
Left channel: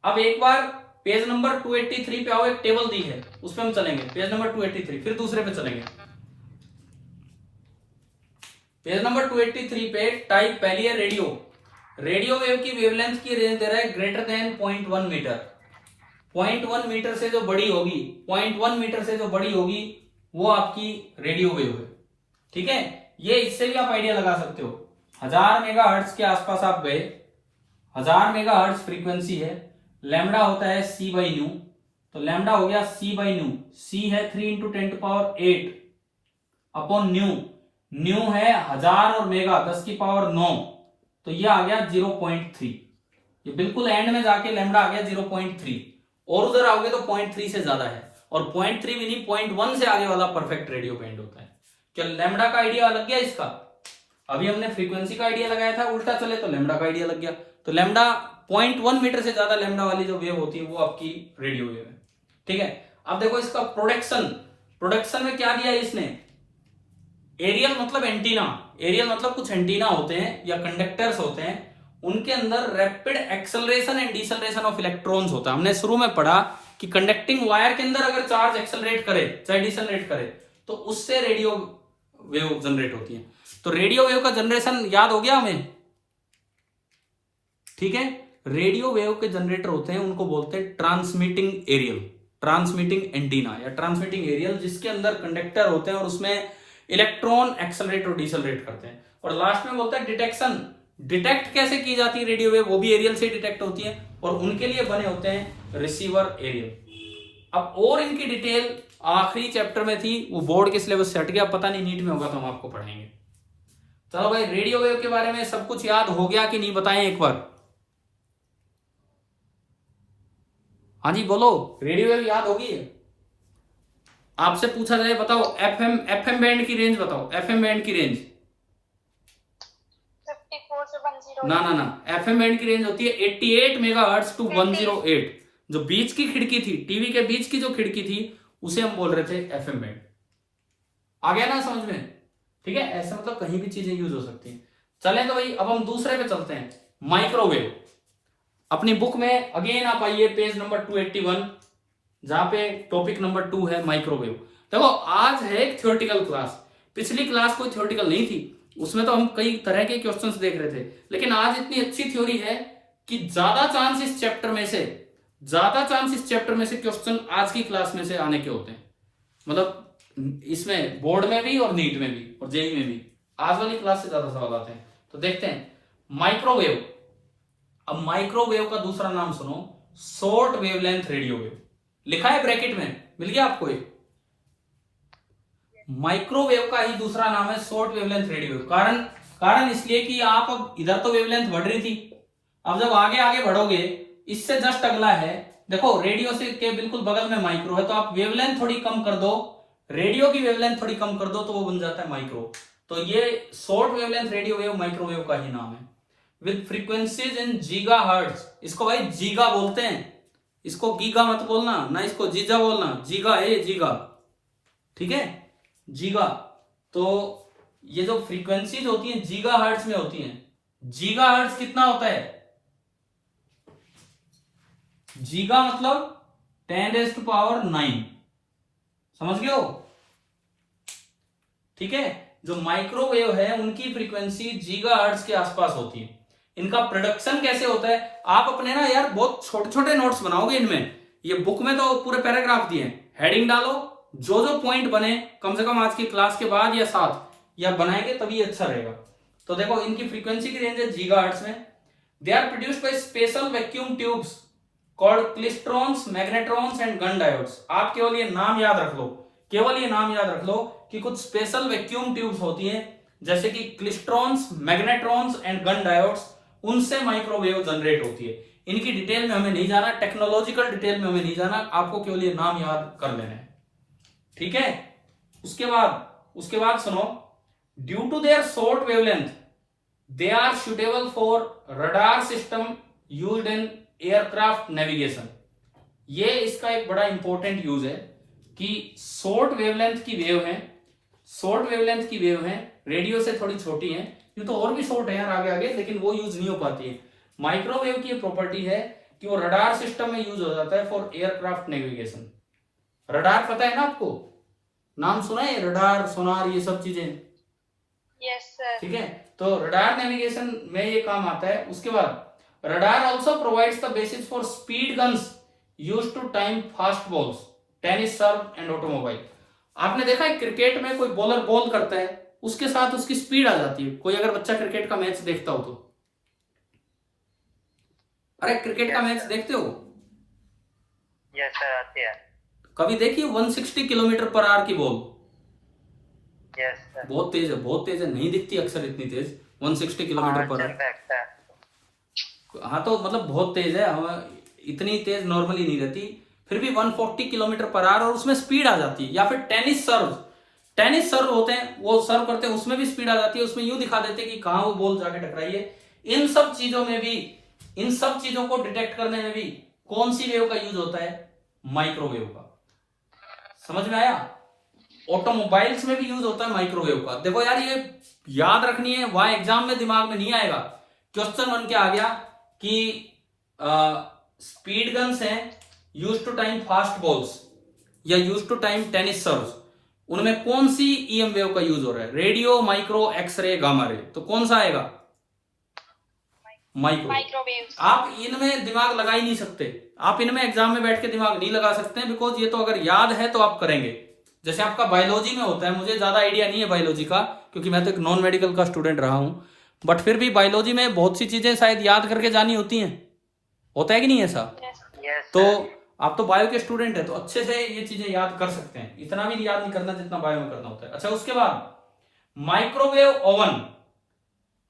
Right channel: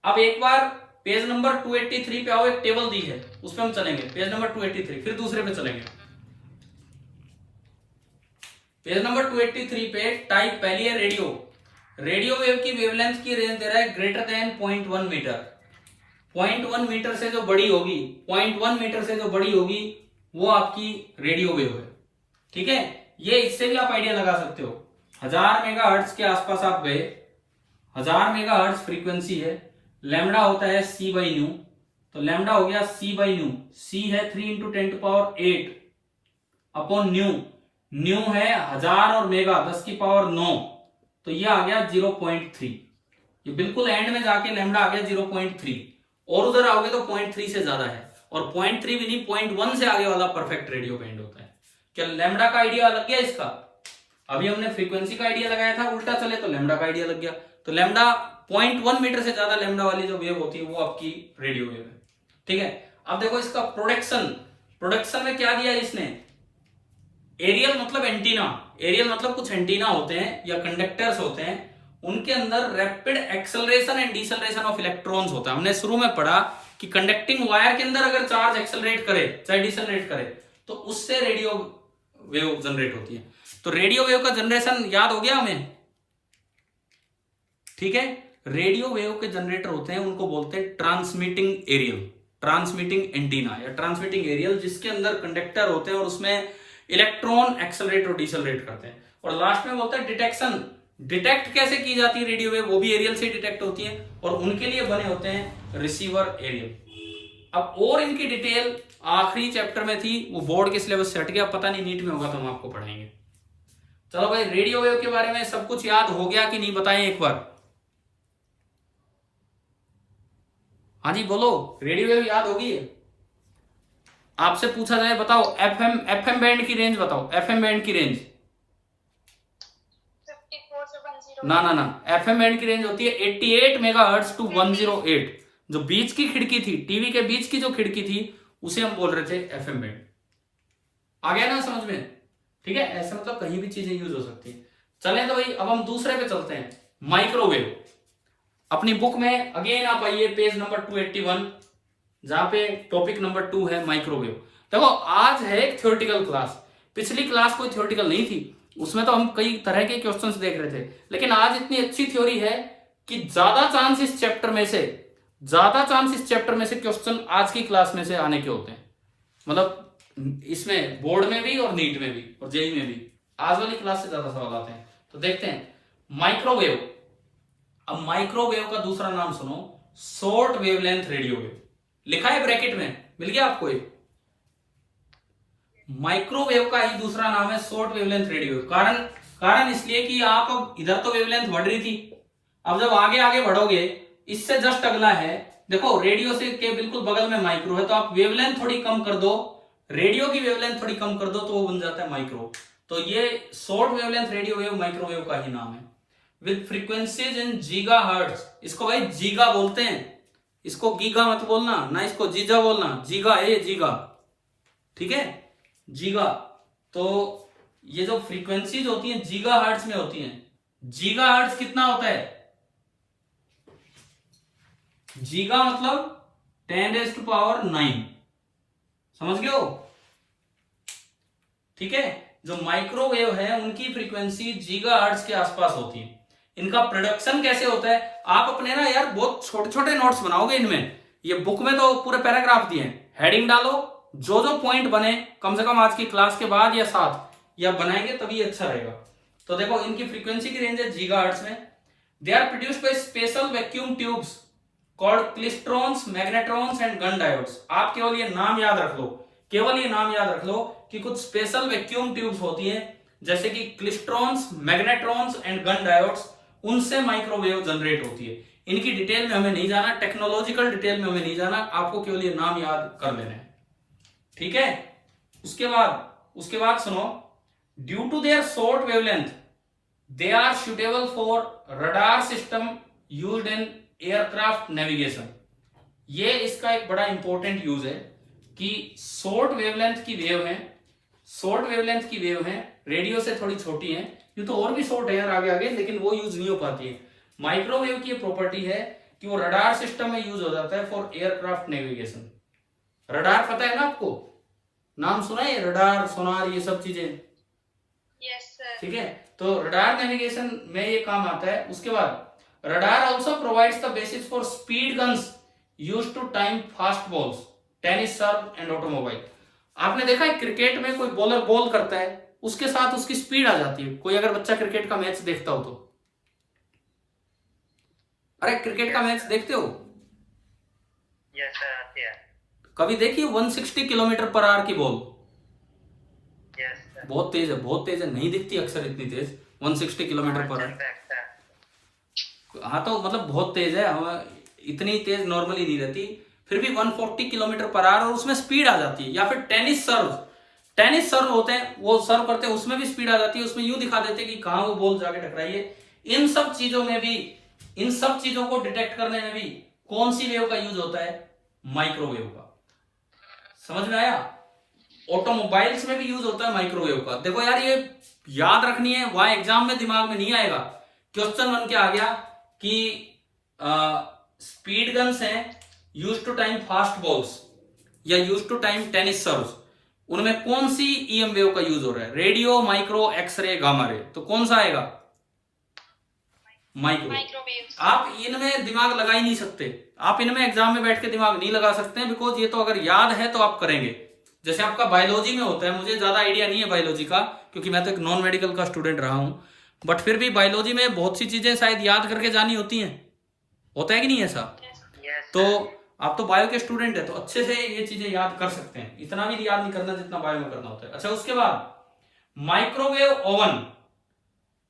अब एक बार पेज नंबर 283 पे आओ, एक टेबल दी है उस पे हम चलेंगे, पेज नंबर 283, फिर दूसरे पे चलेंगे। पेज नंबर 283 पे टाइप पहली है रेडियो। रेडियो वेव की वेवलेंथ की रेंज दे रहा है ग्रेटर देन 0.1 मीटर। 0.1 मीटर से जो बड़ी होगी, 0.1 मीटर से जो बड़ी होगी वो आपकी रेडियो वेव है। ठीक है, ये इससे भी आप आइडिया लगा सकते हो। 1000 मेगाहर्ट्ज के आसपास आप गए, 1000 मेगाहर्ट्ज फ्रीक्वेंसी है, लैम्डा होता है c बाई न्यू, तो लैम्डा हो गया c बाई न्यू। c है 3 इंटू 10⁸ अपॉन न्यू, न्यू है 1000 और मेगा 10⁹ तो ये आ गया 0.3। ये बिल्कुल एंड में जाके लैम्डा आ गया 0.3, और उधर आओगे तो 0.3 से ज्यादा है, और 0.3 भी नहीं 0.1 से आगे वाला परफेक्ट रेडियो बैंड होता है। क्या लैम्डा का आइडिया लग गया इसका? अभी हमने फ्रीक्वेंसी का आइडिया लगाया था, उल्टा चले तो लैम्डा का आइडिया लग गया। तो लैम्डा 0.1 मीटर से ज्यादा लैम्डा वाली जो वेव होती है वो आपकी रेडियो वेव है। ठीक है, अब देखो इसका प्रोडक्शन में क्या दिया है इसने? एरियल मतलब एंटीना, एरियल मतलब कुछ एंटीना होते हैं या कंडक्टर्स होते हैं, उनके अंदर rapid acceleration and deceleration of electrons होता है। हमने शुरू में पढ़ा कि कंडक्टिंग वायर के अंदर अगर चार्ज एक्सेलरेट करे चाहे डिसेलरेट करे तो उससे रेडियो वेव जनरेट होती है। तो रेडियो वेव का जनरेशन याद हो गया हमें? ठीक है, रेडियो वेव के जनरेटर होते हैं, उनको बोलते हैं ट्रांसमिटिंग एरियल, ट्रांसमिटिंग एंटीना या ट्रांसमिटिंग एरियल, जिसके अंदर कंडक्टर होते हैं और उसमें इलेक्ट्रॉन एक्सेलरेट और डिसेलरेट करते हैं। और लास्ट में बोलता है डिटेक्शन, डिटेक्ट कैसे की जाती है रेडियो वेव, वो भी एरियल से डिटेक्ट होती है, और उनके लिए बने होते हैं रिसीवर एरियल। अब और इनकी डिटेल आखिरी चैप्टर में थी, वो बोर्ड के सिलेबस से हट गया, पता नहीं नीट में होगा तो हम आपको पढ़ाएंगे। चलो भाई, रेडियो वेव के बारे में सब कुछ याद हो गया कि नहीं बताएं एक बार? हाँ जी बोलो, रेडियो वेव याद होगी है? आपसे पूछा जाए बताओ एफएम बैंड की रेंज बताओ, एफएम बैंड की रेंज। 54 से 108। ना एफएम बैंड की रेंज होती है 88 मेगाहर्ट्ज टू 108। जो बीच की खिड़की थी, टीवी के बीच की जो खिड़की थी, उसे हम बोल रहे थे एफएम बैंड। आ गया ना समझ में? ठीक है, ऐसे मतलब कहीं भी चीजें यूज हो सकती है। चले तो भाई अब हम दूसरे पे चलते हैं, माइक्रोवेव। अपनी बुक में अगेन आप आइए पेज नंबर 281, जहां पे टॉपिक नंबर 2 है माइक्रोवेव। देखो आज है एक थ्योरेटिकल क्लास, पिछली क्लास कोई थ्योरेटिकल नहीं थी, उसमें तो हम कई तरह के क्वेश्चंस देख रहे थे, लेकिन आज इतनी अच्छी थ्योरी है कि ज्यादा चांस इस चैप्टर में से क्वेश्चन आज की क्लास में से आने के होते हैं। मतलब इसमें बोर्ड में भी और नीट में भी और जेई में भी आज वाली क्लास से ज्यादा सवाल आते हैं। तो देखते हैं माइक्रोवेव। अब माइक्रोवेव का दूसरा नाम सुनो, शॉर्ट वेवलेंथ रेडियो वेव। लिखा है ब्रैकेट में, मिल गया आपको ये? माइक्रोवेव का ही दूसरा नाम है शॉर्ट वेवलेंथ रेडियो वेव। कारण इसलिए कि आप अब इधर तो वेवलेंथ बढ़ रही थी, अब जब आगे आगे बढ़ोगे, इससे जस्ट अगला है, देखो रेडियो से के बिल्कुल बगल में माइक्रो है, तो आप वेवलेंथ थोड़ी कम कर दो, रेडियो की वेवलेंथ थोड़ी कम कर दो, तो वो बन जाता है माइक्रो। तो ये short wavelength radio wave microwave का ही नाम है। विद फ्रीक्वेंसीज इन गीगाहर्ट्ज, इसको भाई जीगा बोलते हैं, इसको गीगा मत बोलना, ना इसको जीजा बोलना, जीगा है जीगा, ठीक है, जीगा। तो ये जो फ्रीक्वेंसीज होती हैं गीगाहर्ट्ज में होती हैं। गीगाहर्ट्ज कितना होता है? गीगा मतलब 10⁻⁹ समझ गए हो? ठीक है, जो माइक्रोवेव है उनकी फ्रीक्वेंसी गीगाहर्ट्ज के आसपास होती है। इनका प्रोडक्शन कैसे होता है? आप अपने ना यार बहुत छोटे छोटे नोट्स बनाओगे इनमें, ये बुक में तो पूरे पैराग्राफ दिए हैं, हेडिंग डालो, जो जो पॉइंट बने कम से कम आज की क्लास के बाद या साथ या बनाएंगे तभी अच्छा रहेगा। तो देखो इनकी फ्रीक्वेंसी की रेंज है गीगाहर्ट्ज में। They are produced by special vacuum tubes called klystrons, magnetrons and gun diodes. आप केवल ये नाम याद रख लो, केवल ये नाम याद रख लो कि कुछ स्पेशल वैक्यूम ट्यूब्स होती हैं जैसे कि क्लिस्ट्रॉन्स, मैग्नेट्रॉन्स एंड गन डायोड्स, उनसे माइक्रोवेव जनरेट होती है। इनकी डिटेल में हमें नहीं जाना, टेक्नोलॉजिकल डिटेल में हमें नहीं जाना, आपको केवल ये नाम याद कर लेना है, ठीक है। उसके बाद सुनो, due to their short wavelength they are suitable for radar system used in aircraft navigation. ये इसका एक बड़ा इंपॉर्टेंट यूज है कि शॉर्ट वेवलेंथ की वेव है, रेडियो से थोड़ी छोटी है, ये तो और भी शॉर्ट है यार आगे, लेकिन वो यूज नहीं हो पाती है। माइक्रोवेव की प्रॉपर्टी है कि वो रडार सिस्टम में यूज हो जाता है फॉर एयरक्राफ्ट नेविगेशन। रडार पता है ना आपको, नाम सुना है? रडार, सोनार, ये सब चीजें, यस सर। ठीक है, तो रडार नेविगेशन में ये काम आता है। उसके बाद radar also provides the basis for speed guns used to time fast balls, tennis serve and automobile. आपने देखा है क्रिकेट में कोई बॉलर बॉल करता है, उसके साथ उसकी स्पीड आ जाती है। कोई अगर बच्चा क्रिकेट का मैच देखता हो तो, अरे क्रिकेट का मैच देखते हो? यस सर, आते हैं। कभी देखिए 160 किलोमीटर/आवर की बॉल? Yes sir. बहुत तेज है, नहीं दिखती अक्सर इतनी तेज 160 किलोमीटर/आवर। हाँ तो मतलब बहुत तेज है, इतनी तेज नॉर्मली नहीं रहती, फिर भी 140 किलोमीटर/आवर, और उसमें स्पीड आ जाती है। या फिर टेनिस सर्व होते हैं, वो सर्व करते हैं, उसमें भी स्पीड आ जाती है, उसमें यूं दिखा देते हैं कि कहां वो बॉल जाके टकराई है। इन सब चीजों को डिटेक्ट करने में भी कौन सी वेव का यूज होता है? माइक्रोवेव का। समझ में आया? ऑटोमोबाइल्स में भी यूज होता है माइक्रोवेव का। देखो यार ये याद रखनी है, वहां एग्जाम में दिमाग में नहीं आएगा। क्वेश्चन बन के आ गया कि स्पीड गन्स हैं used to time fast balls या used to time tennis serves, उनमें कौन सी ईएम वेव का यूज हो रहा है? Radio, micro, x ray, gamma ray, तो कौन सा आएगा? माइक्रोवेव। आप इनमें दिमाग लगा ही नहीं सकते, आप इनमें एग्जाम में बैठ के दिमाग नहीं लगा सकते हैं, बिकॉज ये तो अगर याद है तो आप करेंगे। जैसे आपका बायोलॉजी में होता है, मुझे ज्यादा आइडिया नहीं है बायोलॉजी का क्योंकि मैं तो एक नॉन मेडिकल का स्टूडेंट रहा हूं, बट फिर भी बायोलॉजी में बहुत सी चीजें शायद याद करके जानी होती हैं, होता है कि नहीं ऐसा? तो आप तो बायो के स्टूडेंट है तो अच्छे से ये चीजें याद कर सकते हैं, इतना भी याद नहीं करना जितना बायो में करना होता है। अच्छा, उसके बाद microwave oven.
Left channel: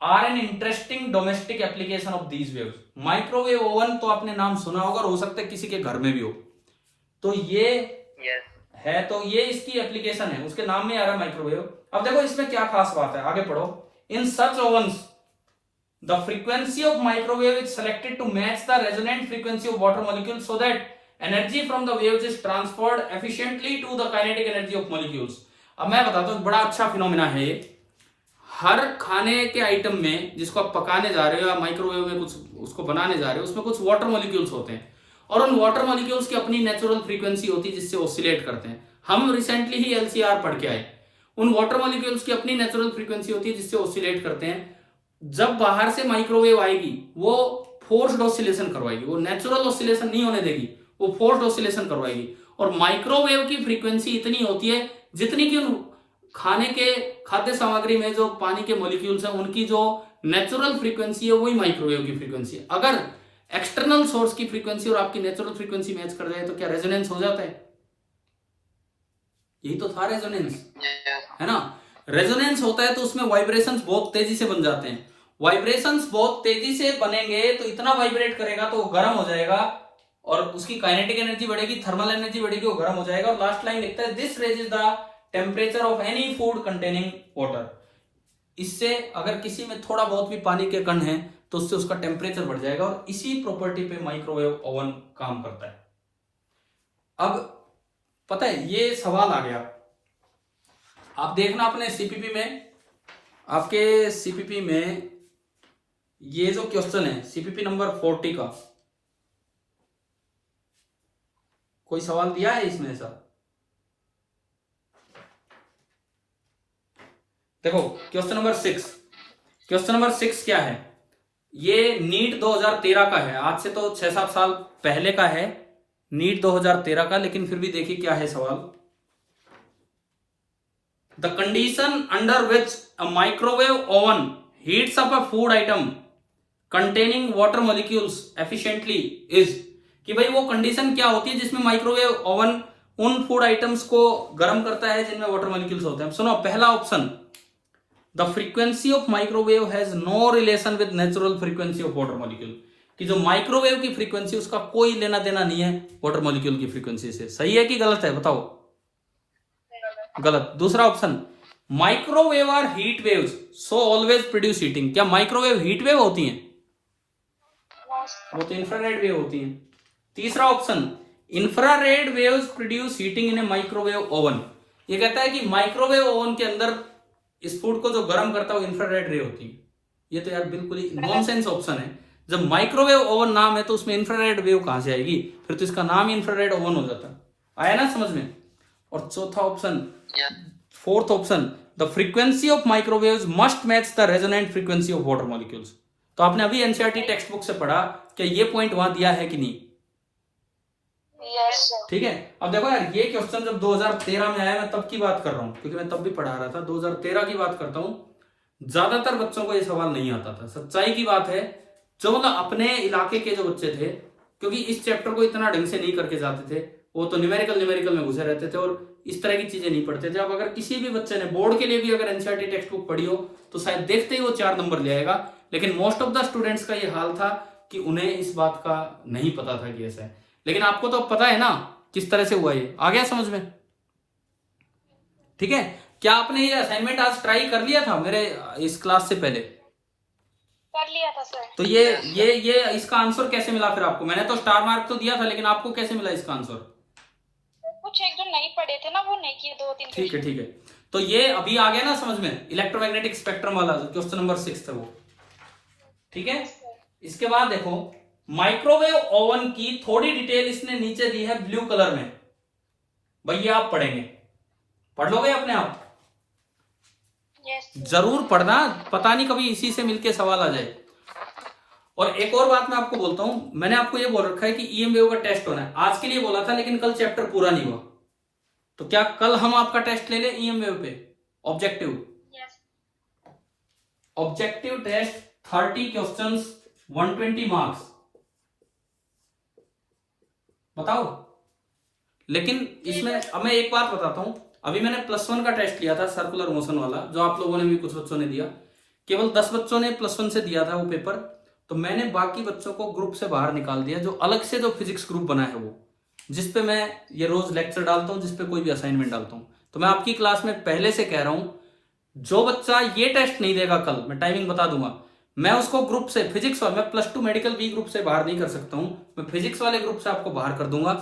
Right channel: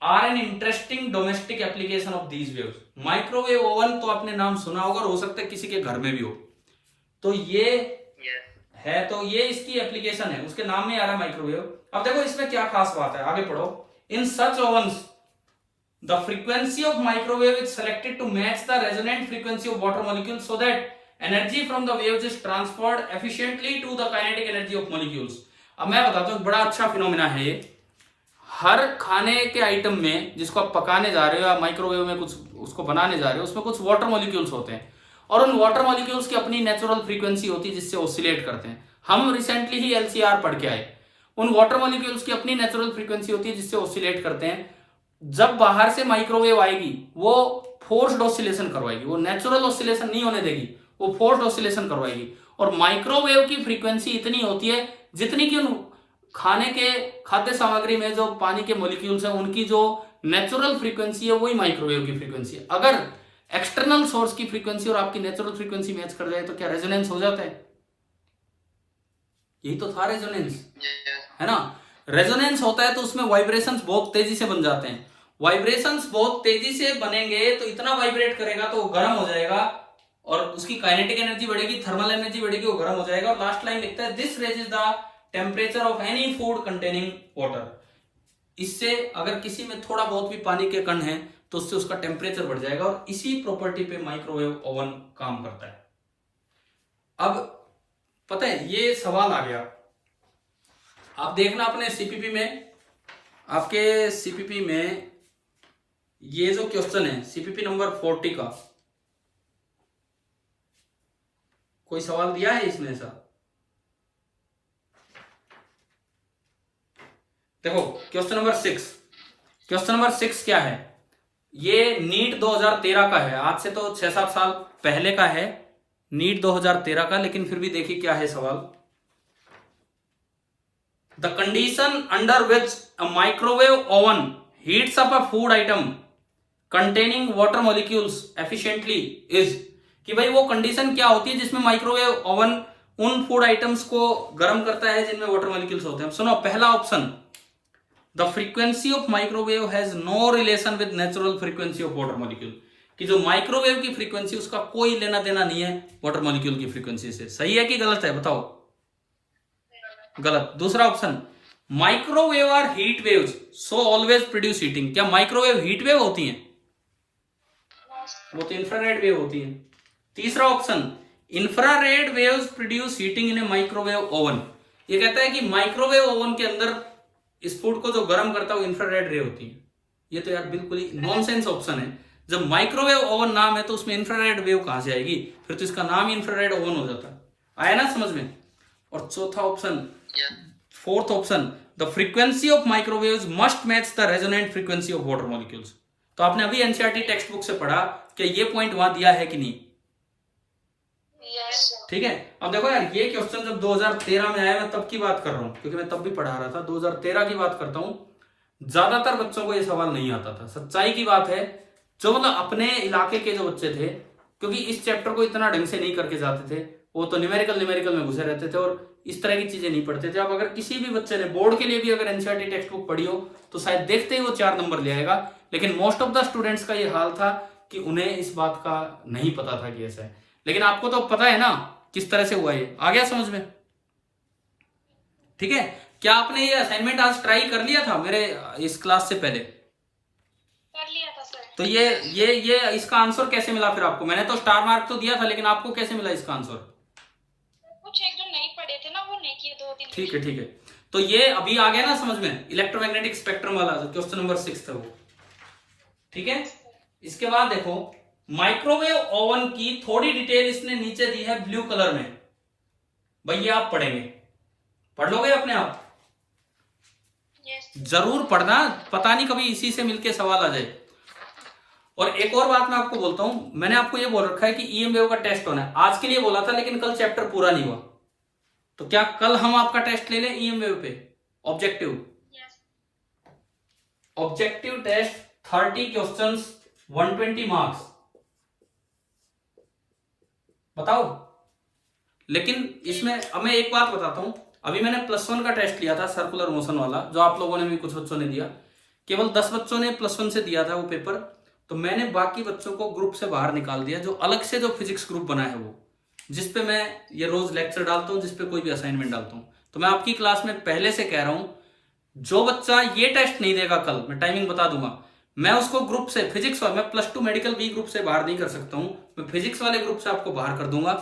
Are an interesting domestic application of these waves. Microwave oven तो आपने नाम सुना होगा और हो सकता है किसी के घर में भी हो। तो ये है, तो ये इसकी एप्लीकेशन है, उसके नाम में आ रहा है माइक्रोवेव। अब देखो इसमें क्या खास बात है, आगे पढ़ो। In such ovens the frequency of microwave is selected to match the resonant frequency of water molecule so that energy from the waves is transferred efficiently to the kinetic energy of molecules. अब मैं बताता हूं, बड़ा अच्छा phenomena है ये। हर खाने के आइटम में जिसको आप पकाने जा रहे हो या माइक्रोवेव में कुछ उसको बनाने जा रहे हो, उसमें कुछ वाटर मॉलिक्यूल्स होते हैं और उन वाटर मॉलिक्यूल्स की अपनी नेचुरल फ्रीक्वेंसी होती है जिससे ऑसिलेट करते हैं। हम रिसेंटली ही एलसीआर पढ़ के आए। उन वाटर मॉलिक्यूल्स की अपनी नेचुरल फ्रीक्वेंसी होती है जिससे ऑसिलेट करते हैं। जब बाहर से माइक्रोवेव आएगी वो फोर्स्ड ऑसिलेशन करवाएगी, वो नेचुरल ऑसिलेशन नहीं होने देगी, वो फोर्स्ड ऑसिलेशन करवाएगी। और माइक्रोवेव की फ्रीक्वेंसी इतनी होती है जितनी कि उन खाने के खाद्य सामग्री में जो पानी के मॉलिक्यूल्स हैं उनकी जो नेचुरल फ्रीक्वेंसी है वही माइक्रोवेव की फ्रीक्वेंसी है। अगर एक्सटर्नल सोर्स की फ्रीक्वेंसी और आपकी नेचुरल फ्रीक्वेंसी मैच कर जाए तो क्या रेजोनेंस हो जाता है? यही तो था रेजोनेंस, है ना। रेजोनेंस होता है तो उसमें वाइब्रेशंस बहुत तेजी से बन जाते हैं। वाइब्रेशंस बहुत तेजी से बनेंगे तो इतना वाइब्रेट करेगा तो वो गर्म हो जाएगा और उसकी काइनेटिक एनर्जी बढ़ेगी, थर्मल एनर्जी बढ़ेगी, वो गर्म हो जाएगा। और लास्ट लाइन लिखता है this raises the temperature of any food containing water. इससे अगर किसी में थोड़ा बहुत भी पानी के कण है तो उससे उसका टेम्परेचर बढ़ जाएगा और इसी प्रॉपर्टी पे माइक्रोवेव ओवन काम करता है। अब पता है ये सवाल आ गया, आप देखना अपने सीपीपी में, आपके सीपीपी में ये जो क्वेश्चन है सीपीपी नंबर 40 का, कोई सवाल दिया है इसमें ऐसा? देखो क्वेश्चन नंबर 6, क्वेश्चन नंबर 6 क्या है? ये नीट 2013 का है, आज से तो 6-7 साल पहले का है नीट 2013 का, लेकिन फिर भी देखिए क्या है सवाल। The condition under which a microwave oven heats up a food item containing water molecules efficiently is, कि भाई वो कंडीशन क्या होती है जिसमें माइक्रोवेव ओवन उन फूड आइटम्स को गर्म करता है जिनमें वाटर मॉलिक्यूल्स होते हैं। सुनो, पहला option, the frequency of microwave has no relation with natural frequency of water molecule, कि जो माइक्रोवेव की फ्रीक्वेंसी उसका कोई लेना देना नहीं है वाटर मॉलिक्यूल की फ्रीक्वेंसी से। सही है कि गलत है बताओ? गलत। दूसरा option, microwave are heat waves so always produce heating, क्या माइक्रोवेव हीट वेव होती हैं? वो तो इंफ्रारेड वेव होती हैं। तीसरा option, infrared waves produce heating in a microwave oven, ये कहता है कि माइक्रोवेव ओवन के अंदर इस फूड को जो गर्म करता है वो इंफ्रारेड रे होती है। ये तो यार बिल्कुल ही नॉनसेंस ऑप्शन है। जब माइक्रोवेव ओवन नाम है तो उसमें इंफ्रारेड वेव कहां से आएगी? फिर तो इसका नाम ही इंफ्रारेड ओवन हो जाता है। आया ना समझ में? और चौथा option, fourth option, the frequency of microwaves must match the resonant frequency of water molecules. तो आपने अभी एनसीईआरटी टेक्स्ट बुक से पढ़ा कि ये पॉइंट वहां दिया है कि नहीं? ठीक है। अब देखो यार, ये क्वेश्चन जब 2013 में आया, मैं तब की बात कर रहा हूं क्योंकि मैं तब भी पढ़ा रहा था, 2013 की बात करता हूं। ज्यादातर बच्चों को ये सवाल नहीं आता था, सच्चाई की बात है। जो मतलब अपने इलाके के जो बच्चे थे, क्योंकि इस चैप्टर को इतना ढंग से नहीं करके जाते थे, वो तो न्यूमेरिकल में घुसे रहते थे और इस तरह की चीजें नहीं पढ़ते थे। अब अगर किसी भी बच्चे ने बोर्ड के लिए भी अगर एनसीईआरटी टेक्स्ट बुक पढ़ी हो तो शायद देखते ही वो 4 नंबर ले आएगा, लेकिन मोस्ट ऑफ द स्टूडेंट्स का ये हाल था कि उन्हें इस बात का नहीं पता था कि ऐसा है। लेकिन आपको तो पता है ना किस तरह से हुआ, ये आ गया समझ में? ठीक है। क्या आपने ये असाइनमेंट आज ट्राई कर लिया था मेरे इस क्लास से पहले? कर लिया था सर। तो ये इसका आंसर कैसे मिला फिर आपको? मैंने तो स्टार मार्क तो दिया था, लेकिन आपको कैसे मिला इसका आंसर? कुछ एक जो नहीं पढ़े थे ना वो नहीं किए, 2-3। ठीक है ठीक है। तो ये अभी आ गया ना समझ में, इलेक्ट्रोमैग्नेटिक स्पेक्ट्रम वाला क्वेश्चन नंबर 6 था वो। ठीक है। इसके बाद देखो, माइक्रोवेव ओवन की थोड़ी डिटेल इसने नीचे दी है ब्लू कलर में। भैया आप पढ़ेंगे, पढ़ लोगे अपने आप? जरूर पढ़ना, पता नहीं कभी इसी से मिलके सवाल आ जाए। और एक और बात मैं आपको बोलता हूं, मैंने आपको ये बोल रखा है कि ईएम वेव का टेस्ट होना है, आज के लिए बोला था, लेकिन कल चैप्टर पूरा नहीं हुआ। तो क्या कल हम आपका टेस्ट ले लें ईएम वेव पे? ऑब्जेक्टिव टेस्ट 30 क्वेश्चंस 120 मार्क्स, बताओ। लेकिन इसमें अब मैं एक बात बताता हूं, अभी मैंने +1 का टेस्ट लिया था सर्कुलर मोशन वाला, जो आप लोगों ने भी कुछ बच्चों ने दिया। केवल 10 बच्चों ने +1 से दिया था वो पेपर, तो मैंने बाकी बच्चों को ग्रुप से बाहर निकाल दिया, जो अलग से जो फिजिक्स ग्रुप बना है वो, जिसपे मैं ये रोज लेक्चर डालता हूँ, जिसपे कोई भी असाइनमेंट डालता हूँ। तो मैं आपकी क्लास में पहले से कह रहा हूं, जो बच्चा ये टेस्ट नहीं देगा कल, मैं टाइमिंग बता दूंगा, मैं उसको ग्रुप से फिजिक्स वाले, मैं +2 मेडिकल बी ग्रुप से बाहर नहीं कर सकता हूं, मैं फिजिक्स वाले ग्रुप से आपको बाहर कर दूंगा।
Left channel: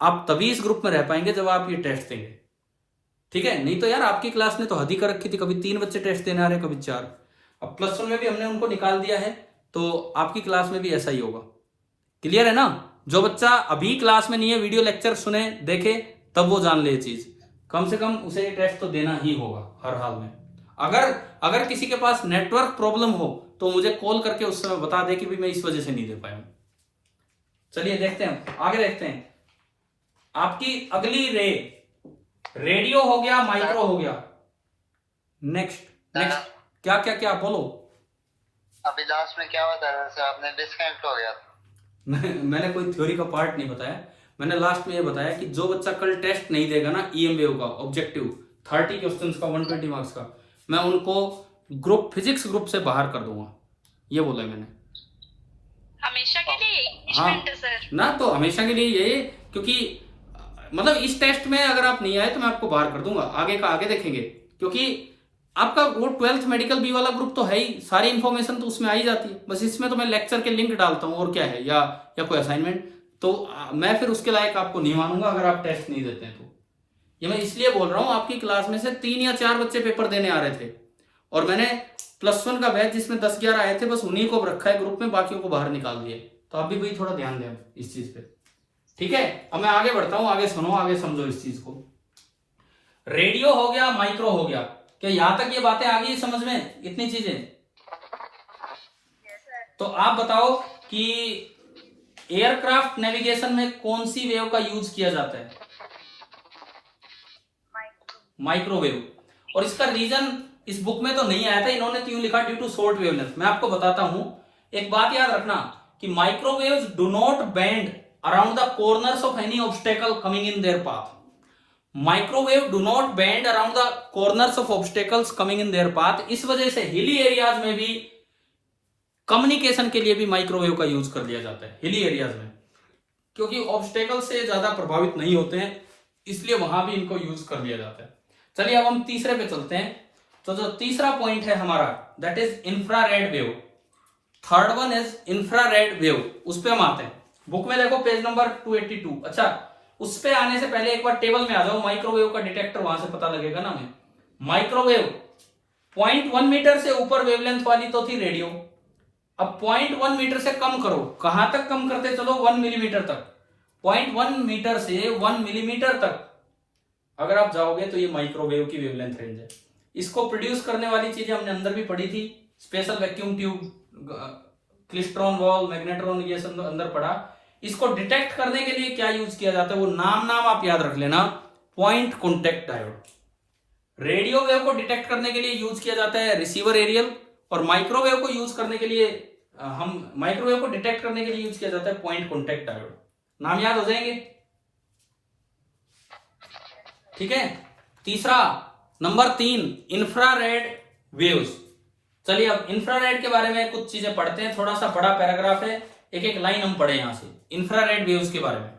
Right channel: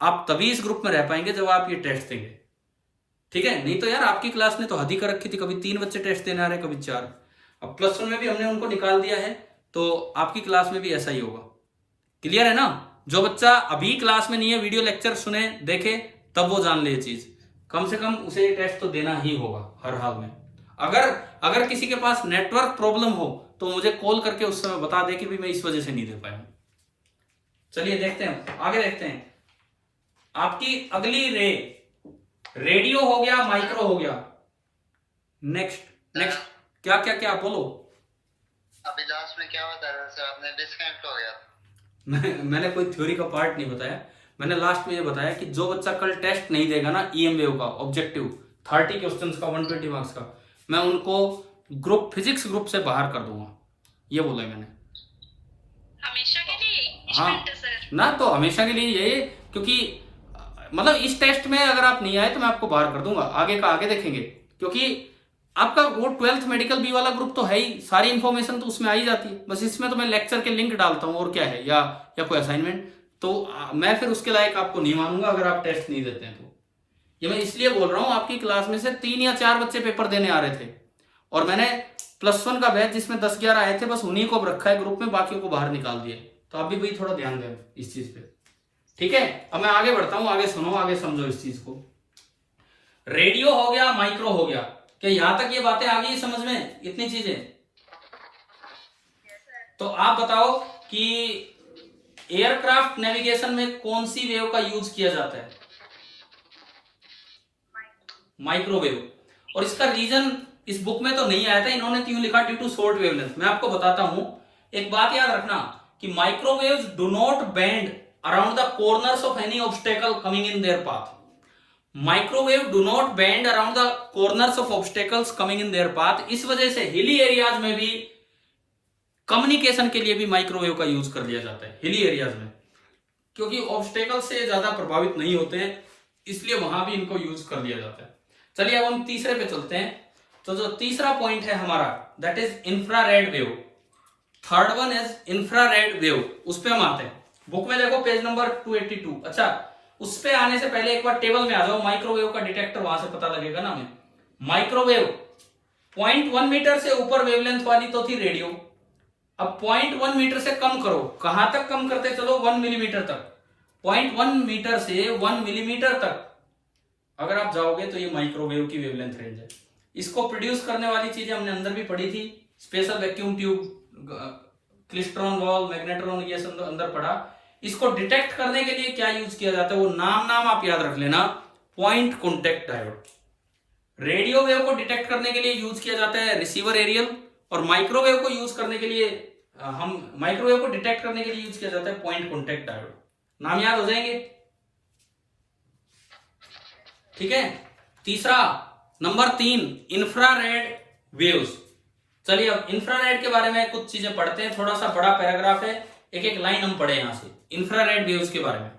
आप तभी इस ग्रुप में रह पाएंगे जब आप ये टेस्ट देंगे, ठीक है? नहीं तो यार आपकी क्लास ने तो हद ही कर रखी थी, कभी 3 बच्चे टेस्ट देने आ रहे हैं, कभी 4। अब +1 में भी हमने उनको निकाल दिया है, तो आपकी क्लास में भी ऐसा ही होगा। क्लियर है ना? जो बच्चा अभी क्लास में नहीं है, वीडियो लेक्चर सुने, देखे, तब वो जान ले ये चीज। कम से कम उसे ये टेस्ट तो देना ही होगा हर हाल में। अगर किसी के पास नेटवर्क प्रॉब्लम हो तो मुझे कॉल करके उस समय बता दे कि भी मैं इस वजह से नहीं दे पाया हूं। चलिए देखते हैं, आगे देखते हैं। आपकी अगली रेडियो हो गया, माइक्रो हो गया, नेक्स्ट क्या क्या क्या बोलो। अभी लास्ट में क्या बता रहा था आपने? डिस्कनेक्ट हो गया। मैंने कोई थ्योरी का पार्ट नहीं बताया, मैंने लास्ट में ये बताया कि जो बच्चा कल टेस्ट नहीं देगा ना ईएम वेव का ऑब्जेक्टिव 30 क्वेश्चंस का 120 मार्क्स का, मैं उनको ग्रुप फिजिक्स ग्रुप से बाहर कर दूंगा, ये बोला है मैंने। हमेशा के लिए हाँ सर ना, तो हमेशा के लिए यही, क्योंकि मतलब इस टेस्ट में अगर आप नहीं आए तो मैं आपको बाहर कर दूंगा, आगे का आगे देखेंगे। क्योंकि आपका वो 12th मेडिकल बी वाला ग्रुप तो है ही, सारी इंफॉर्मेशन तो उसमें आ ही जाती है, बस इसमें तो मैं लेक्चर के लिंक डालता हूँ और क्या है, या कोई असाइनमेंट, तो मैं फिर उसके लायक आपको नहीं मानूंगा अगर आप टेस्ट नहीं देते हैं तो। ये मैं इसलिए बोल रहा हूँ, आपकी क्लास में से 3 या 4 बच्चे पेपर देने आ रहे थे, और मैंने +1 का बैच जिसमें 10-11 आए थे, बस उन्हीं को रखा है ग्रुप में, बाकियों को बाहर निकाल दिया। तो आप भी भाई थोड़ा ध्यान दें इस चीज पे, ठीक है? अब मैं आगे बढ़ता हूं, आगे सुनो, आगे समझो इस चीज को। रेडियो हो गया, माइक्रो हो गया, क्या यहां तक ये बातें आ गई समझ में, इतनी चीजें? तो आप बताओ कि एयरक्राफ्ट नेविगेशन में कौन सी वेव का यूज किया जाता है? माइक्रोवेव। और इसका रीजन इस बुक में तो नहीं आया था, इन्होंने क्यों लिखा? Due to short wavelength. मैं आपको बताता हूं, एक बात याद रखना कि microwaves do not bend around the corners of any obstacle coming in their path. Microwave do not bend around the corners of obstacles coming in their path. इस वजह से हिली एरियाज में भी, कम्युनिकेशन के लिए भी माइक्रोवेव का use कर लिया जाता है हिली एरियाज में, क्योंकि ऑब्स्टेकल से ज्यादा प्रभावित नहीं होते हैं, इसलिए वहां भी इनको यूज कर लिया जाता है। चलिए अब हम तीसरे पे चलते हैं। तो जो तीसरा पॉइंट है हमारा, that is infrared wave. Third one is infrared wave, उस पे हम आते हैं। बुक में देखो पेज नंबर 282। अच्छा, उस पे आने से पहले एक बार टेबल में आ जाओ, माइक्रोवेव का डिटेक्टर वहां से पता लगेगा ना हमें। माइक्रोवेव 0.1 मीटर से ऊपर वेवलेंथ वाली तो थी रेडियो। अब 0.1 मीटर से कम करो, कहां तक कम करते चलो? 1 मिलीमीटर तक। 0.1 मीटर से 1 मिलीमीटर तक अगर आप जाओगे तो ये माइक्रोवेव की वेवलेंथ रेंज है। इसको प्रोड्यूस करने वाली चीजें हमने अंदर भी पढ़ी थी, special vacuum tube, klystron wall, magnetron, ये सब अंदर पढ़ा। इसको डिटेक्ट करने के लिए क्या यूज किया जाता है, वो नाम आप याद रख लेना, point contact diode. Radio wave को डिटेक्ट करने के लिए यूज किया जाता है रिसीवर एरियल, और माइक्रोवेव को यूज करने के लिए माइक्रोवेव को डिटेक्ट करने के लिए यूज किया जाता है पॉइंट कॉन्टेक्ट डायोड। नाम याद हो जाएंगे, ठीक है? तीसरा, नंबर 3, इंफ्रारेड वेव्स। चलिए अब इंफ्रारेड के बारे में कुछ चीजें पढ़ते हैं, थोड़ा सा बड़ा पैराग्राफ है, एक एक लाइन हम पढ़े यहां से इंफ्रारेड वेव्स के बारे में।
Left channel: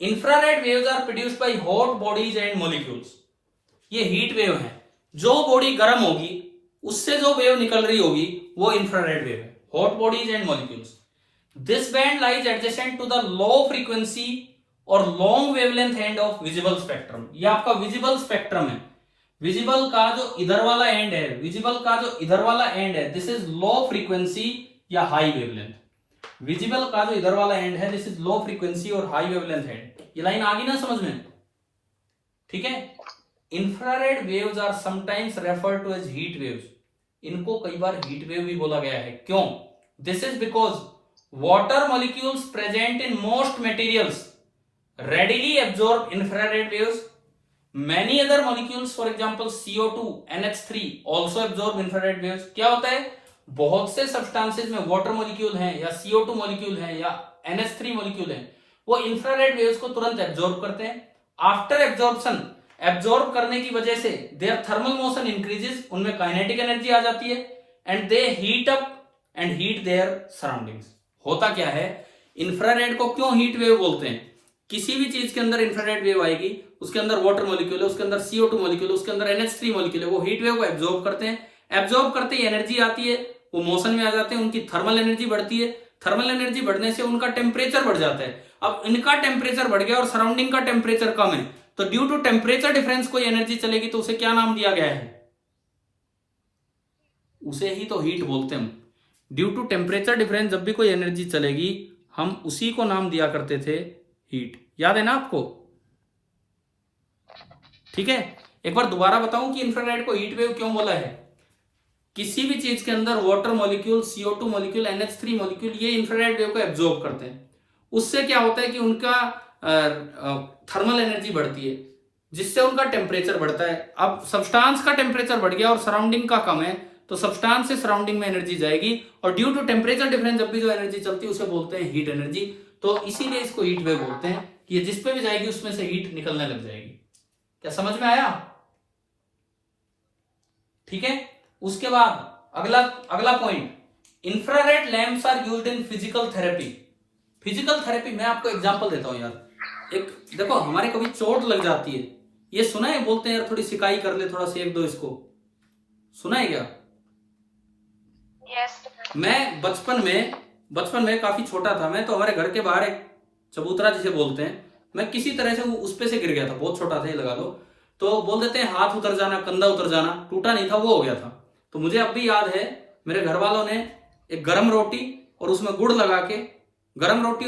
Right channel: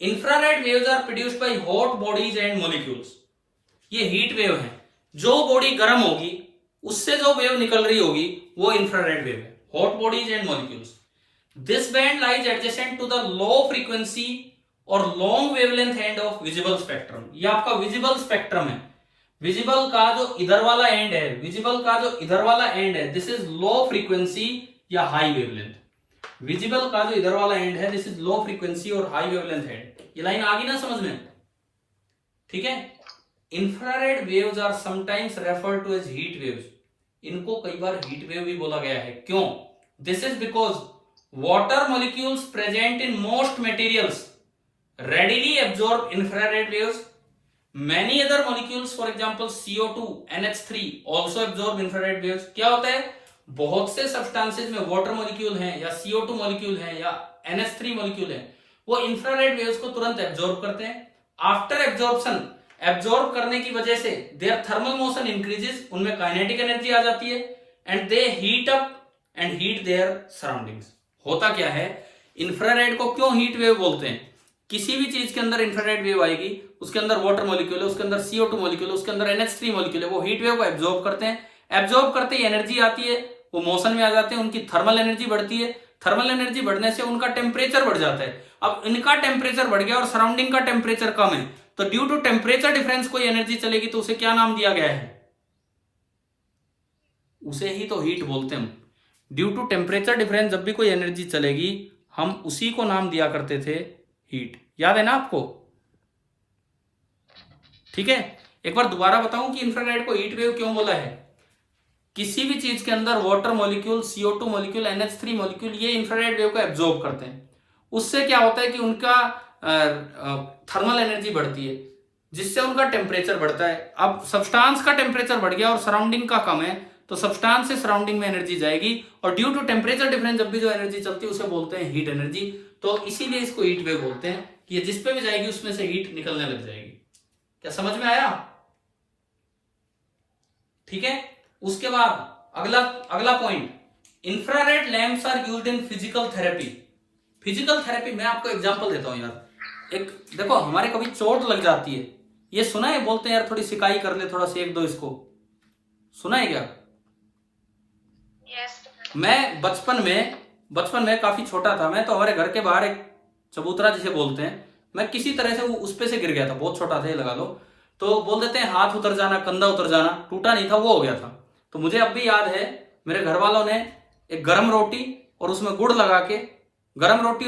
Infrared waves are produced by hot bodies and molecules. ये हीट वेव है, जो बॉडी गर्म होगी उससे जो वेव निकल रही होगी वो इंफ्रारेड वेव है, hot bodies and molecules. This band lies adjacent to the low frequency और long wavelength end of visible spectrum. ये आपका विजिबल स्पेक्ट्रम है। विजिबल का जो इधर वाला एंड है, विजिबल का जो इधर वाला एंड है, दिस इज लो फ्रीक्वेंसी या हाई वेवलेंथ। विजिबल का जो इधर वाला एंड है, दिस इज लो फ्रीक्वेंसी और हाई वेवलेंथ एंड। ये लाइन आ गई ना समझ में? ठीक है। Infrared waves are sometimes referred to as heat waves. इनको कई बार हीट वेव भी बोला गया है। क्यों? This is because water molecules present in most materials readily absorb infrared waves. Many other molecules, for example CO2, NH3 also absorb infrared waves. क्या होता है, बहुत से सब्सटेंसेस में वाटर मॉलिक्यूल हैं या CO2 मॉलिक्यूल हैं या NH3 मॉलिक्यूल हैं, वो इंफ्रारेड वेव्स को तुरंत एब्जॉर्ब करते हैं। आफ्टर एब्जॉर्प्शन, एब्जॉर्ब करने की वजह से देयर थर्मल मोशन इंक्रीजेस, उनमें काइनेटिक एनर्जी आ जाती है, and they heat up and heat there surroundings. होता क्या है, इंफ्रारेड को क्यों हीट वेव बोलते हैं? किसी भी चीज के अंदर इंफ्रारेड वेव आएगी, उसके अंदर वाटर मॉलिक्यूल है, उसके अंदर CO2 मॉलिक्यूल है, उसके अंदर NH3 मॉलिक्यूल है, वो हीट वेव को एब्जॉर्ब करते हैं। एब्जॉर्ब करते ही एनर्जी आती है, वो मोशन में आ जाते हैं, उनकी थर्मल एनर्जी बढ़ती है। थर्मल एनर्जी बढ़ने से उनका टेम्परेचर बढ़ जाता है। अब इनका टेम्परेचर बढ़ गया और सराउंडिंग का टेम्परेचर कम है, तो ड्यू टू टेम्परेचर डिफरेंस कोई एनर्जी चलेगी तो उसे क्या नाम दिया गया है? उसे ही तो हीट बोलते हैं हम। ड्यू टू टेम्परेचर डिफरेंस जब भी कोई एनर्जी चलेगी हम उसी को नाम दिया करते थे हीट। याद है ना आपको? ठीक है, एक बार दोबारा बताऊं कि इंफ्रारेड को हीट वेव क्यों बोला है। किसी भी चीज के अंदर water molecule, CO2 molecule, NH3 molecule, ये इंफ्रारेड वेव को एब्जॉर्ब करते हैं। उससे क्या होता है कि उनका थर्मल एनर्जी बढ़ती है, जिससे उनका टेम्परेचर बढ़ता है। अब सब्सटेंस का टेम्परेचर बढ़ गया और सराउंडिंग का कम है, तो सब्सटेंस से सराउंडिंग में एनर्जी जाएगी, और ड्यू टू टेम्परेचर डिफरेंस जब भी जो एनर्जी चलती है उसे बोलते हैं हीट एनर्जी। तो इसीलिए इसको हीट वेव बोलते हैं कि ये जिस पे भी जाएगी उसमें से हीट निकलने लग जाएगी। क्या समझ में आया? ठीक है, उसके बाद अगला point, infrared lamps are used in physical therapy. Physical therapy मैं आपको एग्जांपल देता हूं यार। एक देखो, हमारे कभी चोट लग जाती है, ये सुना है, बोलते हैं यार थोड़ी सिकाई कर ले, थोड़ा सेक दो इसको, सुना है क्या? यस। मैं बचपन में काफी छोटा था मैं, तो हमारे घर के बाहर एक चबूतरा जिसे बोलते हैं, मैं किसी तरह से उस पे से गिर गया था, बहुत छोटा था ये लगा लो। तो बोल देते हैं हाथ उतर जाना, कंधा उतर जाना, टूटा नहीं था, वो हो गया था। तो मुझे अब भी याद है, मेरे घर वालों ने एक गरम रोटी और उसमें गुड़ लगा के, गरम रोटी